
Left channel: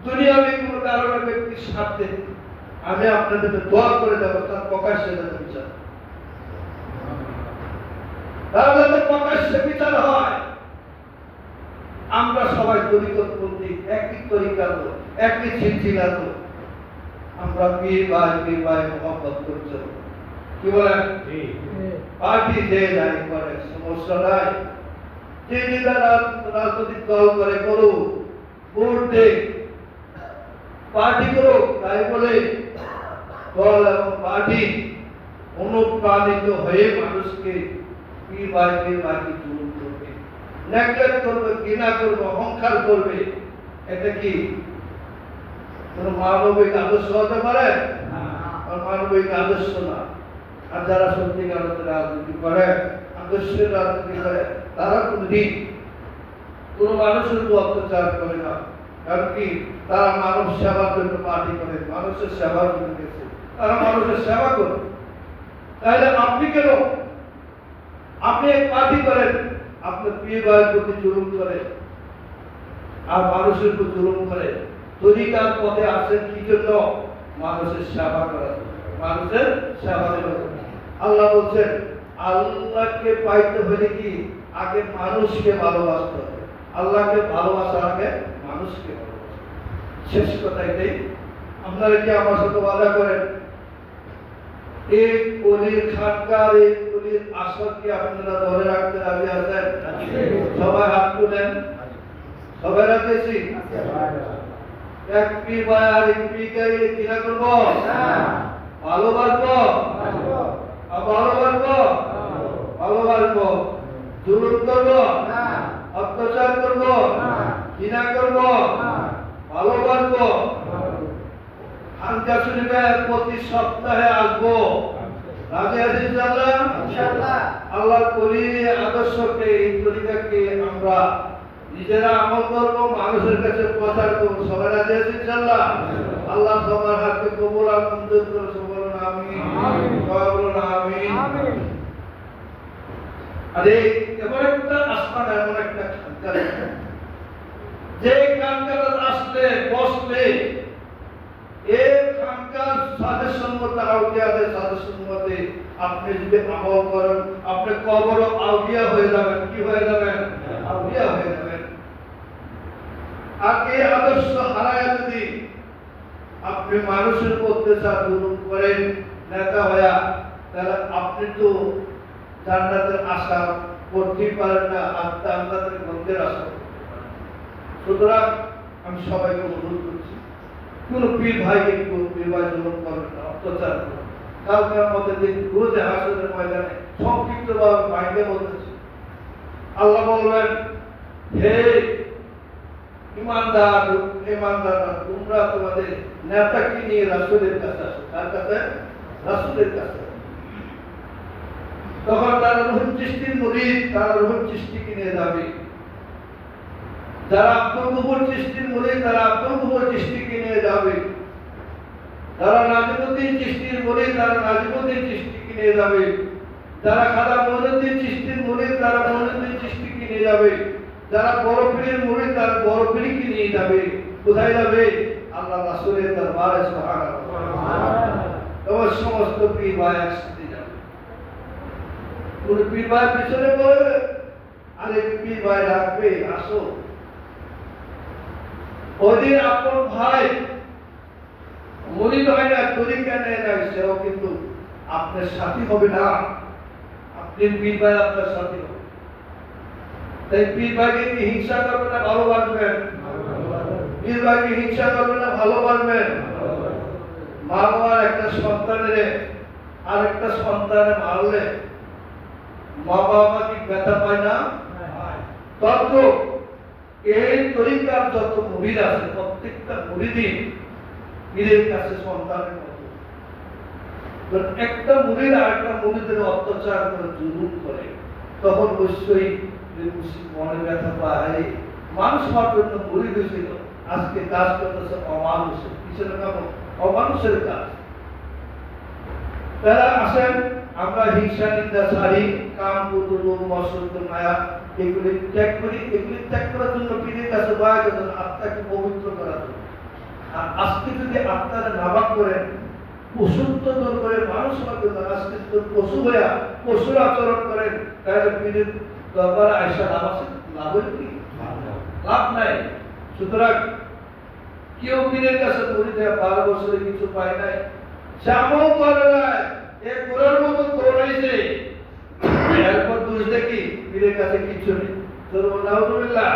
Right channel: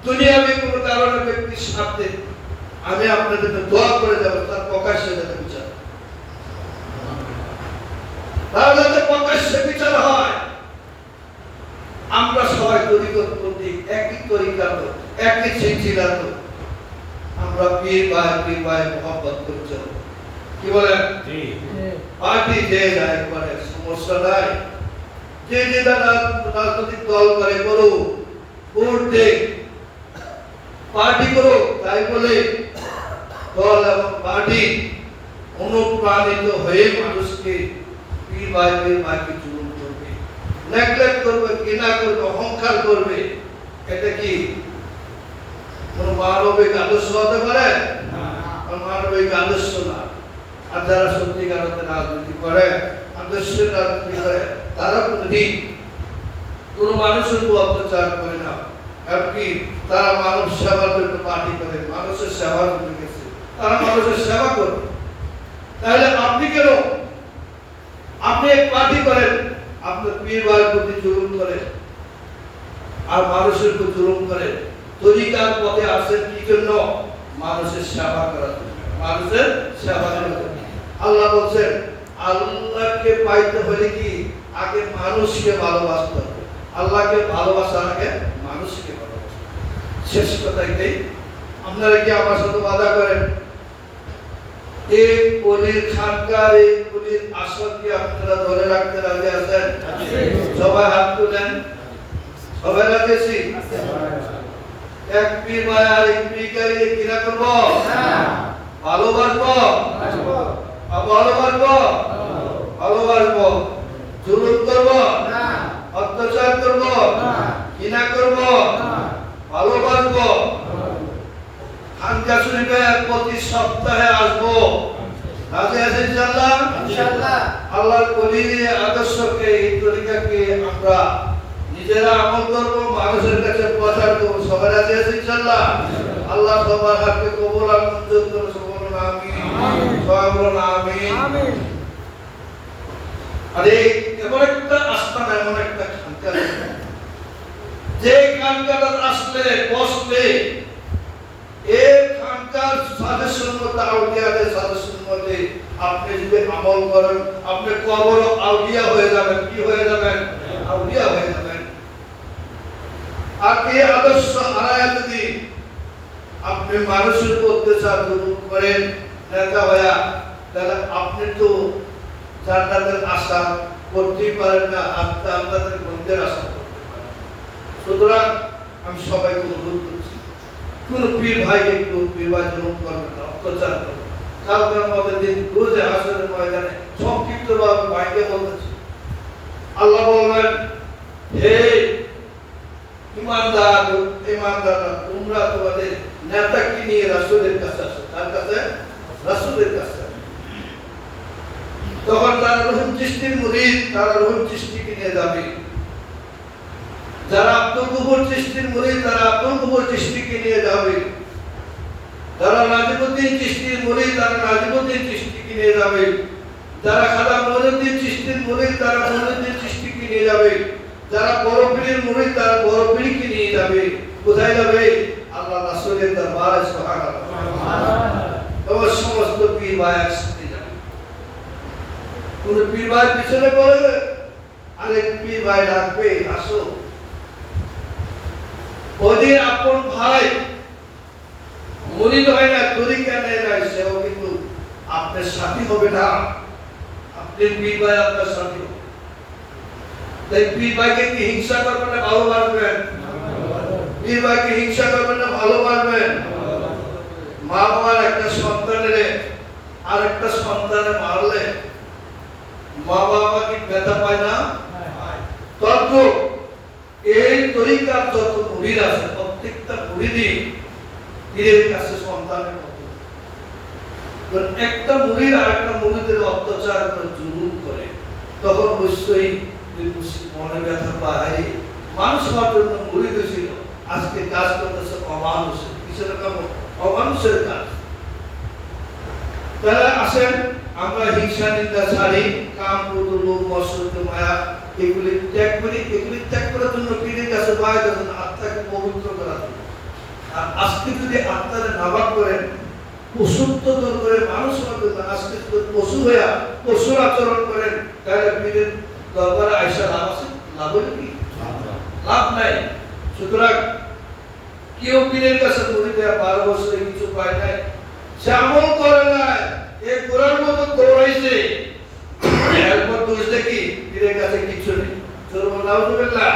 দুনিয়াবি কোনো কারণে ব্যক্তির স্বার্থে, আমি আপনাদেরকে দোয়া করে দেবো তার প্রকাশ্যে যাতে বিচার, তার যাতে প্রকাশ্যে বিচার হয়। আমরা সবাই তরিকত প্রতীক, একই তরিকার লোক, একই সিলসিলার লোক, আমরা পীর ভাই মোহাম্মত করে চলব। কি বলেন? পার্টি যে যায় করে সমস্যা নাই, যে রাজনৈতিক দল করে করুক, ভোট দেখ, পার্টি করুক, তাই বলে দল এবং পার্টি অনুপ্রাণিত হয়ে মানুষকে পীর ভাইকে জুলুম করবে, নেগলেক্ট করবে, ঘৃণা করবে, অহংকার করবে, এটা কি কোন মানবিক আদর্শ হতে পারে? মানবিক আদর্শ না। আর যারা সত্যিকার রাজনীতি করে, আদর্শের রাজনীতি করে, তারা কোনদিন কোন মানুষের উপর অত্যাচার করে না, এমনকি তারা মানব সেবার জন্য পার্টি করে, মানুষের সেবার জন্য গেছে, তারা মানুষের সেবা করে। তাহলে আপনি কেন আপনি এক পার্টি করেন, আপনার পীর ভাইয়ের প্রতি জুলুম করে আর মানুষের উপর জুলুম করে, তরিকার পথে আসেন কি জন্য? মানুষের সেবা করার জন্য, মানুষের সেবা করার জন্য। আল্লাহ বলছেন আল্লাহকে পাইতে হলে কি আগে মানুষকে ভালোবাসতে হবে, আল্লাহকে ভালোবাসার আগে মানুষকে ভালোবাসতে হবে। শেষ কথা এটাই। আপনারা কি আমার সাথে ওয়াদা করেন এই অলির খানকার, এই অলির আসর কি আপনারা ধরে রাখতে রাজি আছেন? সবাই হাত তুলেন। সবাই রাজি আছি? এক পীর ভাই আর এক পীরকে কিনা করব? ভালোবাসবো, ভালোবাসবো, জুলুম করব, অত্যাচার করব, ঘৃণা করব, ভালোবাসবো। খানকা শরীফে প্রতি সপ্তাহে আসবো, রাজি আছেন ইনশাআল্লাহ? ইনশাআল্লাহ। আল্লাহর ওলির আদর্শকে, এই তরিকাকে আমরা নিজেরা আমল করব, মানুষের কাছে প্রচার করব। সবাই রাজি আছেন ইনশাআল্লাহ? আল্লাহ সবার হাতকে কবুল আর মঞ্জুর করে। সবাই বলুন আমিন। সবাই বলুন আমিন। আরে এমন একটা আস্থান, এমন একটা খানকা, যে খানকাটা আসলে বসলে এই খানকার সাজেশন মতে, আউলিয়াদের সাজেশন মতে আপনি যদি আমল করেন, আপনি কবর আউলিয়া হয়ে যাবেন। কি হয়ে যাবেন? আউলিয়া হয়ে যাবেন। আর এই আদর্শ হারায় যদি আপনি মানুষের অত্যাচার দূর করেন নেতা হইয়া, তাহলে আপনি তো জান্নাতের আশা করতেই পারেন না, আর জান্নাতের গন্ধের আশা করতে পারেন। সুতরাং আমি সবাইকে অনুরোধ করছি, কোন পীর ভাইকে কোন পীর ভাই জুলুম করবেন না, অত্যাচার করবেন। কালকের মধ্যে দিন রোজে হাসরের ময়দানে সংক্ষিপ্তভাবে বাইরে বলতেছি, আল্লাহ বলবেন, হে ইমানদাররা, তোমরা তোমাদের নেতাকে নিয়ে রাসূলের কাছে আসো। তার কাছে? রাসূলের কাছে। তখন তারা রুহুল চিশতির মুরিদ, তারা রুহুল চিশতিকে নিয়ে যাবে। যারা আব্দুল গফুর চিশতির মুরিদ, তারা আব্দুল গফুর চিশতিকে নিয়ে যাবে। যারা নাজিমুদ্দিন চিশতির মুরিদ, তারা নাজিমুদ্দিন চিশতিকে নিয়ে যাবে। যারা খাজা মঈনুদ্দিন চিশতির মুরিদ, তারা মঈনুদ্দিন চিশতিকে নিয়ে যাবে। যারা বড় পীরের মুরিদ, তারা বড় পীরকে নিয়ে যাবে। কোথায় যাবে? আল্লাহ রাসূলের দরবারে। সুবহানাল্লাহ। তবে সমস্ত পীর ভাই একসাথে যাবে। কোন পীর ভাই পিছনে পড়বে, আরেক পীর ভাই ডাকবে, আসো। ওদের আপন ভাই মুরিদ হয় না, তরিকা নেয় না, সেও কিন্তু আপনার সাথী হবে না। আপনি পীর ভাই আপনার সাথী হবে। তাই পীর ভাইকে কি হিংসা করবেন না ভালোবাসবেন? পীর ভাইকে হিংসা করবেন না ভালোবাসবেন? মা বাবার একটা সন্তানের আর একটা সন্তানে মারলে মা বাবা কি ব্যথা পায় না? তত এই তরিকার যত মুরিদ আছে, প্রত্যেকটা মুরিদই পীরের কাছে সন্তানের মতো। একটা মুরিদ আর একটা মুরিদের অত্যাচার করে, জুলুম করে, তখন অবশ্যই মনে ব্যথা পায়। মানুষ হওয়ার জন্য মুরিদ ছিল, আজকে কাজ করতেছে অমানুষের। কিসের কাজ? অমানুষের কাজ। তারা আসেন, আমরা হিংসা নিন্দা ছাড়ি, কাম ক্রোধ লোভ মৎসর্য মায়া এগুলি ত্যাগ করি। এগুলি ত্যাগ করার জন্য পীরের কাছে পাওয়া যাবে না, আত্মাকে পবিত্র করার জন্য। আর আজকে যদি আত্মাকে নাবাক করেন, পশুত্ব দূর করে মানুষ হবে না, আজকে যদি পশু হইয়া পশুর আচরণ করেন, তাহলে পীরের দরবারে আইসা লাভ আছে? লাভ হইল কি? লাভ নাই। সুতরাং কেউ পীরের কাছে মুরিদ হয়ে 12 বছরে কিছু পায় নাই, সে আমল করে নাই, এই কোরআন মতো দৌড়াইছে, এরপর দোষ দেখি পীরের কাছে কিছু নেই। চলবো নাউজুবিল্লাহ।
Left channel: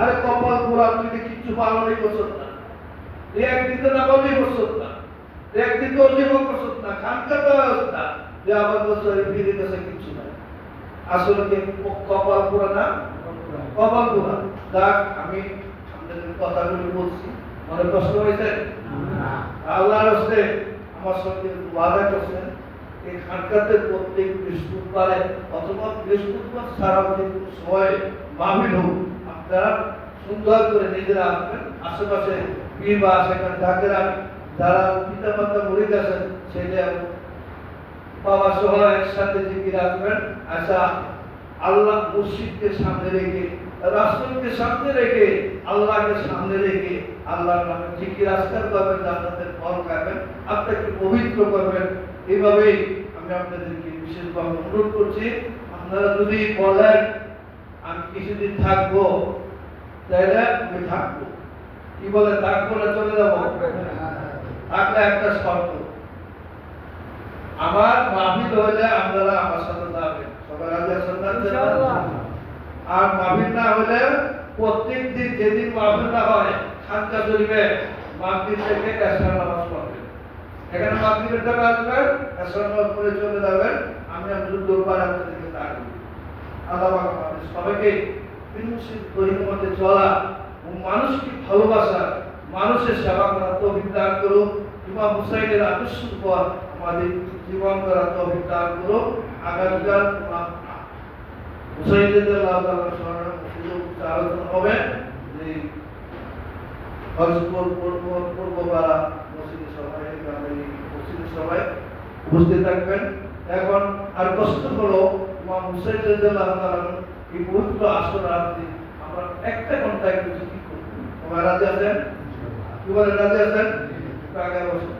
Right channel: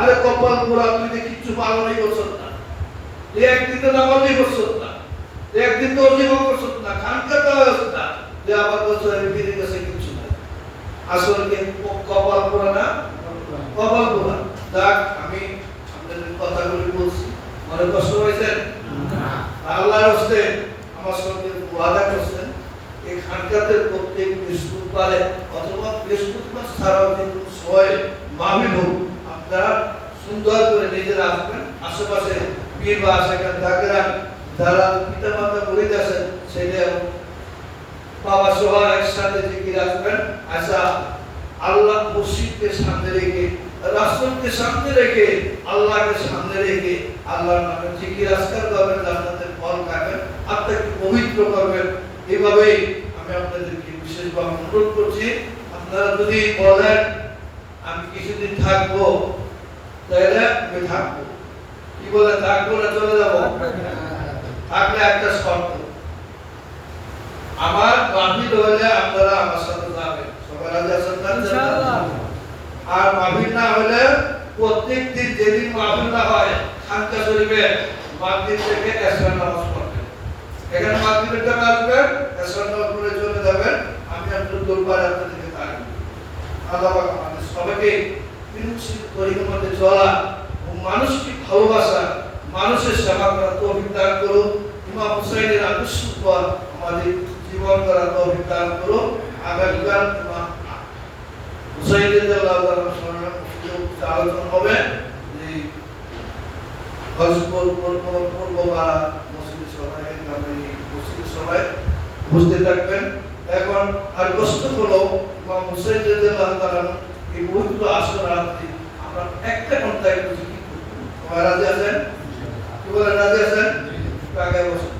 আরে কপাল পুরা, তুই কিছু পালনই করছত না, একদিন তো নামাজই করছত না, একদিন তো অজিফা করছত না, খানকা তো আসত না, যে আবার বছর পীরের কাছে কিছু নাই। আসলে কি কপাল পুরা না? কপাল পুরা। যাক, আমি আপনাদের কথাগুলি বলছি, মনে কষ্ট হয়েছে? আল্লাহর হস্তে আমার সঙ্গে ওয়াদা করছেন, এই খানকাতে প্রত্যেক বৃহস্পতিবারে অথবা বৃহস্পতিবার ছাড়াও কিন্তু সময় মাহফিল হোক, আপনারা সুন্দর করে নিজেরা আসবেন। আশেপাশে পীর বা সেখানে থাকেন, যারা পিতা মাতা মুরিদ আছেন, সেটা বাবা সহ একসাথে জিকির আসবেন। আচ্ছা, আল্লাহ মুর্শিদকে সামনে রেখে, রাসূলকে সামনে রেখে, আল্লাহকে সামনে রেখে আল্লাহর নামে জিকির আজকার করবেন, জান্নাতের ফল খাবেন, আত্মাকে পবিত্র করবেন। এইভাবেই আমি আপনাদেরকে বিশেষভাবে অনুরোধ করছি, আপনারা যদি বলেন আমি কিছুদিন থাকবো, তাহলে আমি থাকবো। কি বলে, থাকবো না চলে যাবো? থাকলে একটা শর্ত, আমার মাহফিল হলে আপনারা আমার সাথে যাবেন। সবাই রাজি আছেন না? ইনশাআল্লাহ। আর মাহফিল না হলে প্রত্যেক দিন যেদিন মাহফিল না হয়, খানকা শরীফে মাগরিব থেকে এশার নামাজ পড়বেন। এখানে মাগরিবের টাইমে আসবেন, এশার নামাজ পড়ে চলে যাবেন। আমি আপনাদের দরবারে আপনাদেরকে থাকবো। আল্লাহ পাক আমাদের সবাইকে বিনুসিত তরিকার মধ্যে চলা ও মানুষকে ভালোবাসা, মানুষের সেবা করা তৌফিক দান করুন। ইমাম হুসাইনের আদর্শ পর আমাদের জীবন গ্রহণ করার তৌফিক দান করুন। আগামীকাল হুসাইনুল্লাহ আলোচনা হবে যে হজপুর পূর্বপাড়া মসজিদের সভায় মসজিদের সভায় উপস্থিত থাকবেন। এখন আর কষ্ট হলো ইমাম হুসাইনুল্লাহ এই পবিত্র আসর রাত্রি আমরা একটা ঘন্টায় কি করবো? সবাই রাজি আছেন? কি বলেন, রাজি আছেন? আগে বসুন।